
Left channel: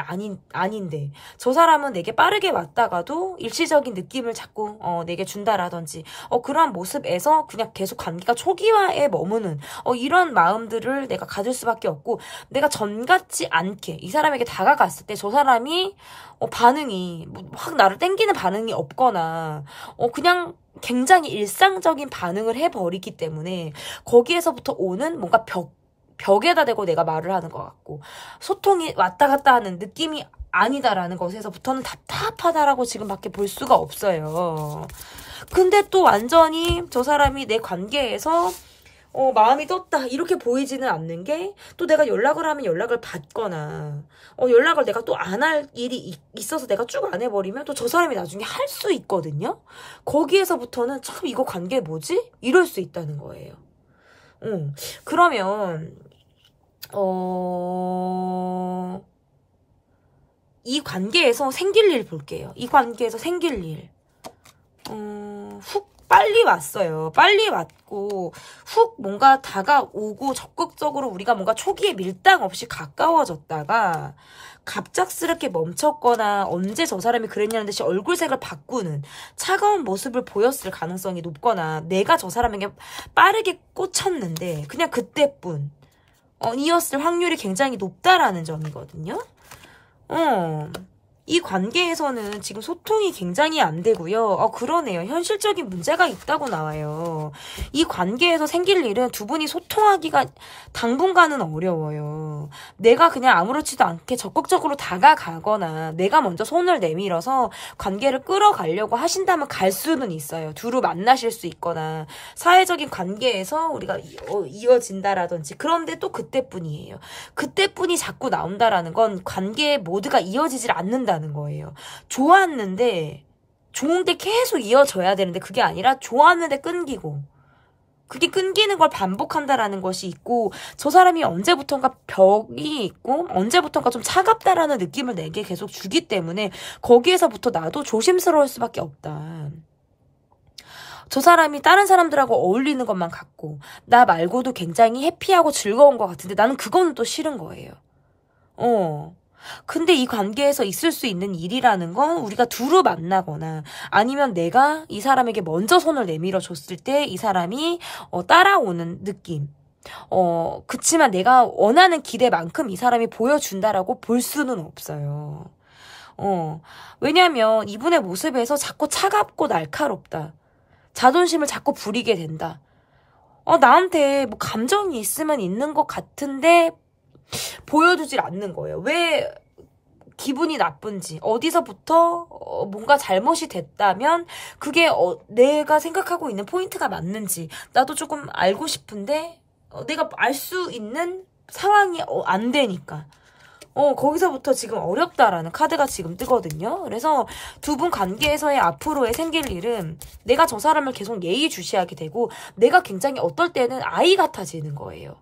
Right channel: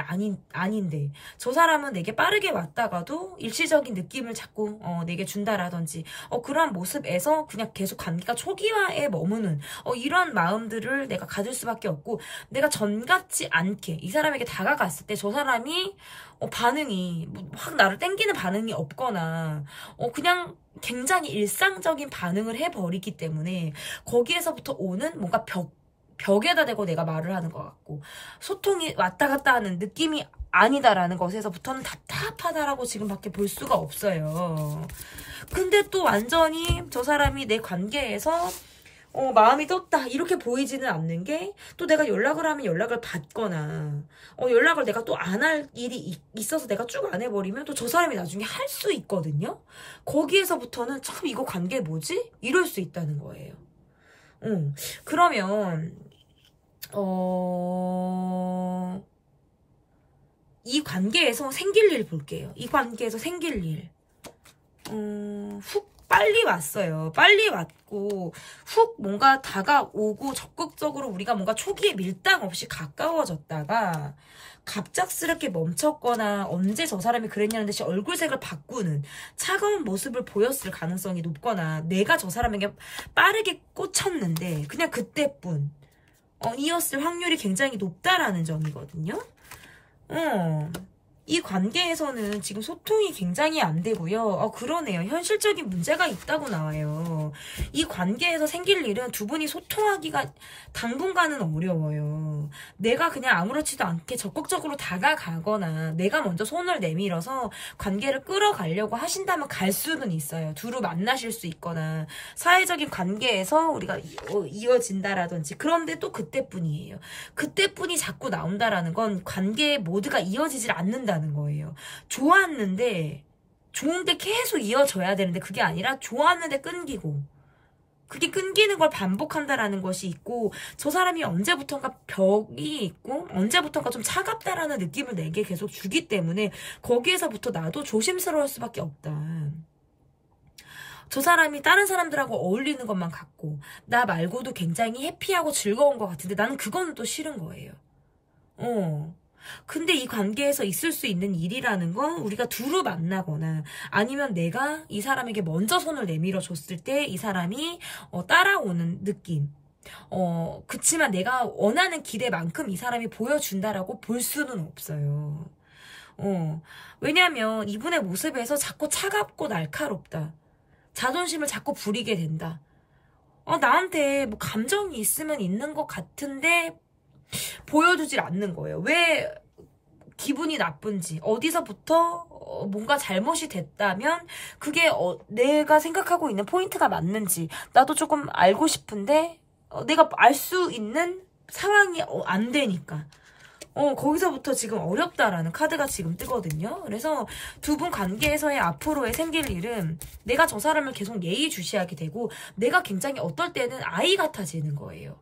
아닌데 저 사람은 내게 빠르게 왔다가도 일시적인 느낌을 자꾸 내게 준다라든지 그러한 모습에서 그냥 계속 관계가 초기화에 머무는 이런 마음들을 내가 가질 수밖에 없고, 내가 전 같지 않게 이 사람에게 다가갔을 때 저 사람이 반응이 확 나를 땡기는 반응이 없거나 그냥 굉장히 일상적인 반응을 해버리기 때문에 거기에서부터 오는 뭔가 벽에다 대고 내가 말을 하는 것 같고 소통이 왔다 갔다 하는 느낌이 아니다라는 것에서부터는 답답하다라고 지금밖에 볼 수가 없어요. 근데 또 완전히 저 사람이 내 관계에서 마음이 떴다 이렇게 보이지는 않는 게, 또 내가 연락을 하면 연락을 받거나 연락을 내가 또 안 할 일이 있어서 내가 쭉 안 해버리면 또 저 사람이 나중에 할 수 있거든요. 거기에서부터는 참 이거 관계 뭐지? 이럴 수 있다는 거예요. 그러면 이 관계에서 생길 일 볼게요. 이 관계에서 생길 일. 훅 빨리 왔어요. 빨리 왔고 훅 뭔가 다가오고 적극적으로 우리가 뭔가 초기에 밀당 없이 가까워졌다가 갑작스럽게 멈췄거나 언제 저 사람이 그랬냐는 듯이 얼굴색을 바꾸는 차가운 모습을 보였을 가능성이 높거나 내가 저 사람에게 빠르게 꽂혔는데 그냥 그때뿐 이었을 확률이 굉장히 높다라는 점이거든요. 이 관계에서는 지금 소통이 굉장히 안 되고요. 그러네요. 현실적인 문제가 있다고 나와요. 이 관계에서 생길 일은 두 분이 소통하기가 당분간은 어려워요. 내가 그냥 아무렇지도 않게 적극적으로 다가가거나 내가 먼저 손을 내밀어서 관계를 끌어가려고 하신다면 갈 수는 있어요. 두루 만나실 수 있거나 사회적인 관계에서 우리가 이어진다라든지 그런데 또 그때뿐이에요. 그때뿐이 자꾸 나온다라는 건 관계 모두가 이어지질 않는다는 거예요. 좋았는데 좋은데 계속 이어져야 되는데 그게 아니라 좋았는데 끊기고 그게 끊기는 걸 반복한다라는 것이 있고 저 사람이 언제부턴가 벽이 있고 언제부턴가 좀 차갑다라는 느낌을 내게 계속 주기 때문에 거기에서부터 나도 조심스러울 수밖에 없다. 저 사람이 다른 사람들하고 어울리는 것만 같고 나 말고도 굉장히 해피하고 즐거운 것 같은데 나는 그거는 또 싫은 거예요. 근데 이 관계에서 있을 수 있는 일이라는 건 우리가 두루 만나거나 아니면 내가 이 사람에게 먼저 손을 내밀어 줬을 때 이 사람이 따라오는 느낌. 그치만 내가 원하는 기대만큼 이 사람이 보여준다라고 볼 수는 없어요. 왜냐면 이분의 모습에서 자꾸 차갑고 날카롭다. 자존심을 자꾸 부리게 된다. 나한테 뭐 감정이 있으면 있는 것 같은데 보여주질 않는 거예요. 왜 기분이 나쁜지 어디서부터 뭔가 잘못이 됐다면 그게 내가 생각하고 있는 포인트가 맞는지 나도 조금 알고 싶은데 내가 알 수 있는 상황이 안 되니까 거기서부터 지금 어렵다라는 카드가 지금 뜨거든요. 그래서 두 분 관계에서의 앞으로의 생길 일은 내가 저 사람을 계속 예의주시하게 되고 내가 굉장히 어떨 때는 아이 같아지는 거예요.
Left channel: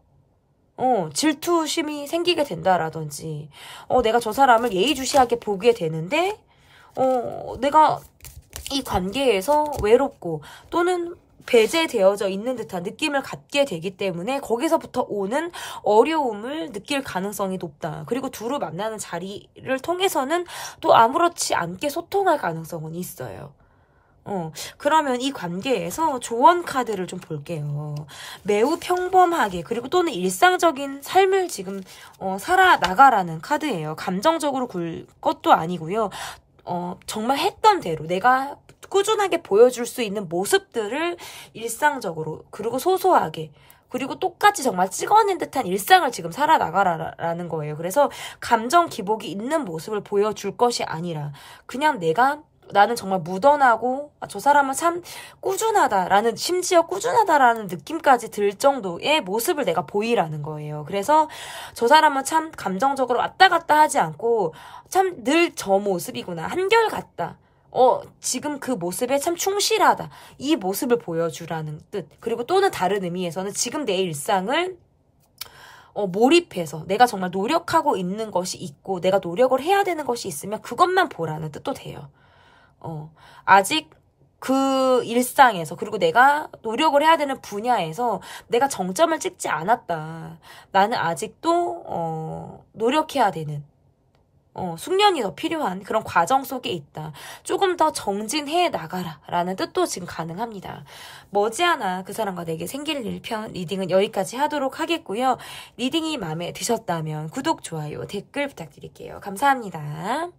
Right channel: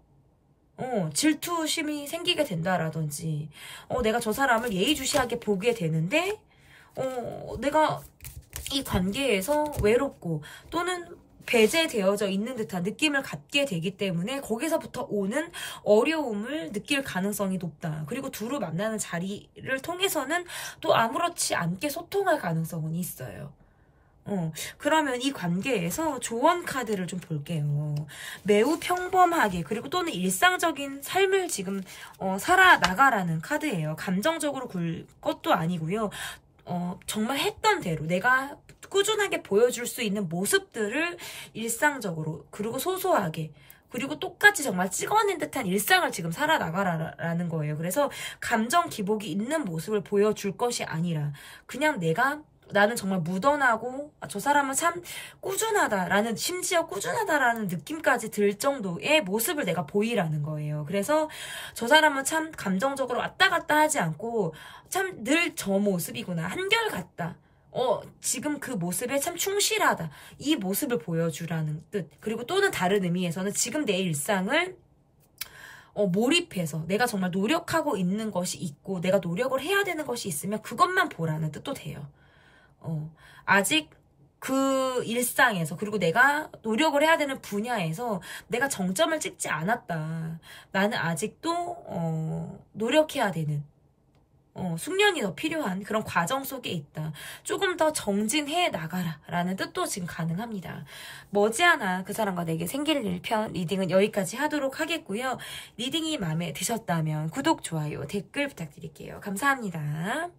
질투심이 생기게 된다라든지 내가 저 사람을 예의주시하게 보게 되는데 내가 이 관계에서 외롭고 또는 배제되어져 있는 듯한 느낌을 갖게 되기 때문에 거기서부터 오는 어려움을 느낄 가능성이 높다. 그리고 두루 만나는 자리를 통해서는 또 아무렇지 않게 소통할 가능성은 있어요. 그러면 이 관계에서 조언 카드를 좀 볼게요. 매우 평범하게 그리고 또는 일상적인 삶을 지금 살아나가라는 카드예요. 감정적으로 굴 것도 아니고요. 정말 했던 대로 내가 꾸준하게 보여줄 수 있는 모습들을 일상적으로 그리고 소소하게 그리고 똑같이 정말 찍어낸 듯한 일상을 지금 살아나가라는 거예요. 그래서 감정 기복이 있는 모습을 보여줄 것이 아니라 그냥 나는 정말 무던하고 저 사람은 참 꾸준하다라는 심지어 꾸준하다라는 느낌까지 들 정도의 모습을 내가 보이라는 거예요. 그래서 저 사람은 참 감정적으로 왔다 갔다 하지 않고 참 늘 저 모습이구나. 한결같다. 지금 그 모습에 참 충실하다. 이 모습을 보여주라는 뜻. 그리고 또는 다른 의미에서는 지금 내 일상을 몰입해서 내가 정말 노력하고 있는 것이 있고 내가 노력을 해야 되는 것이 있으면 그것만 보라는 뜻도 돼요. 아직 그 일상에서 그리고 내가 노력을 해야 되는 분야에서 내가 정점을 찍지 않았다. 나는 아직도 노력해야 되는 숙련이 더 필요한 그런 과정 속에 있다. 조금 더 정진해 나가라 라는 뜻도 지금 가능합니다. 머지않아 그 사람과 내게 생길 일 편 리딩은 여기까지 하도록 하겠고요. 리딩이 마음에 드셨다면 구독, 좋아요, 댓글 부탁드릴게요. 감사합니다.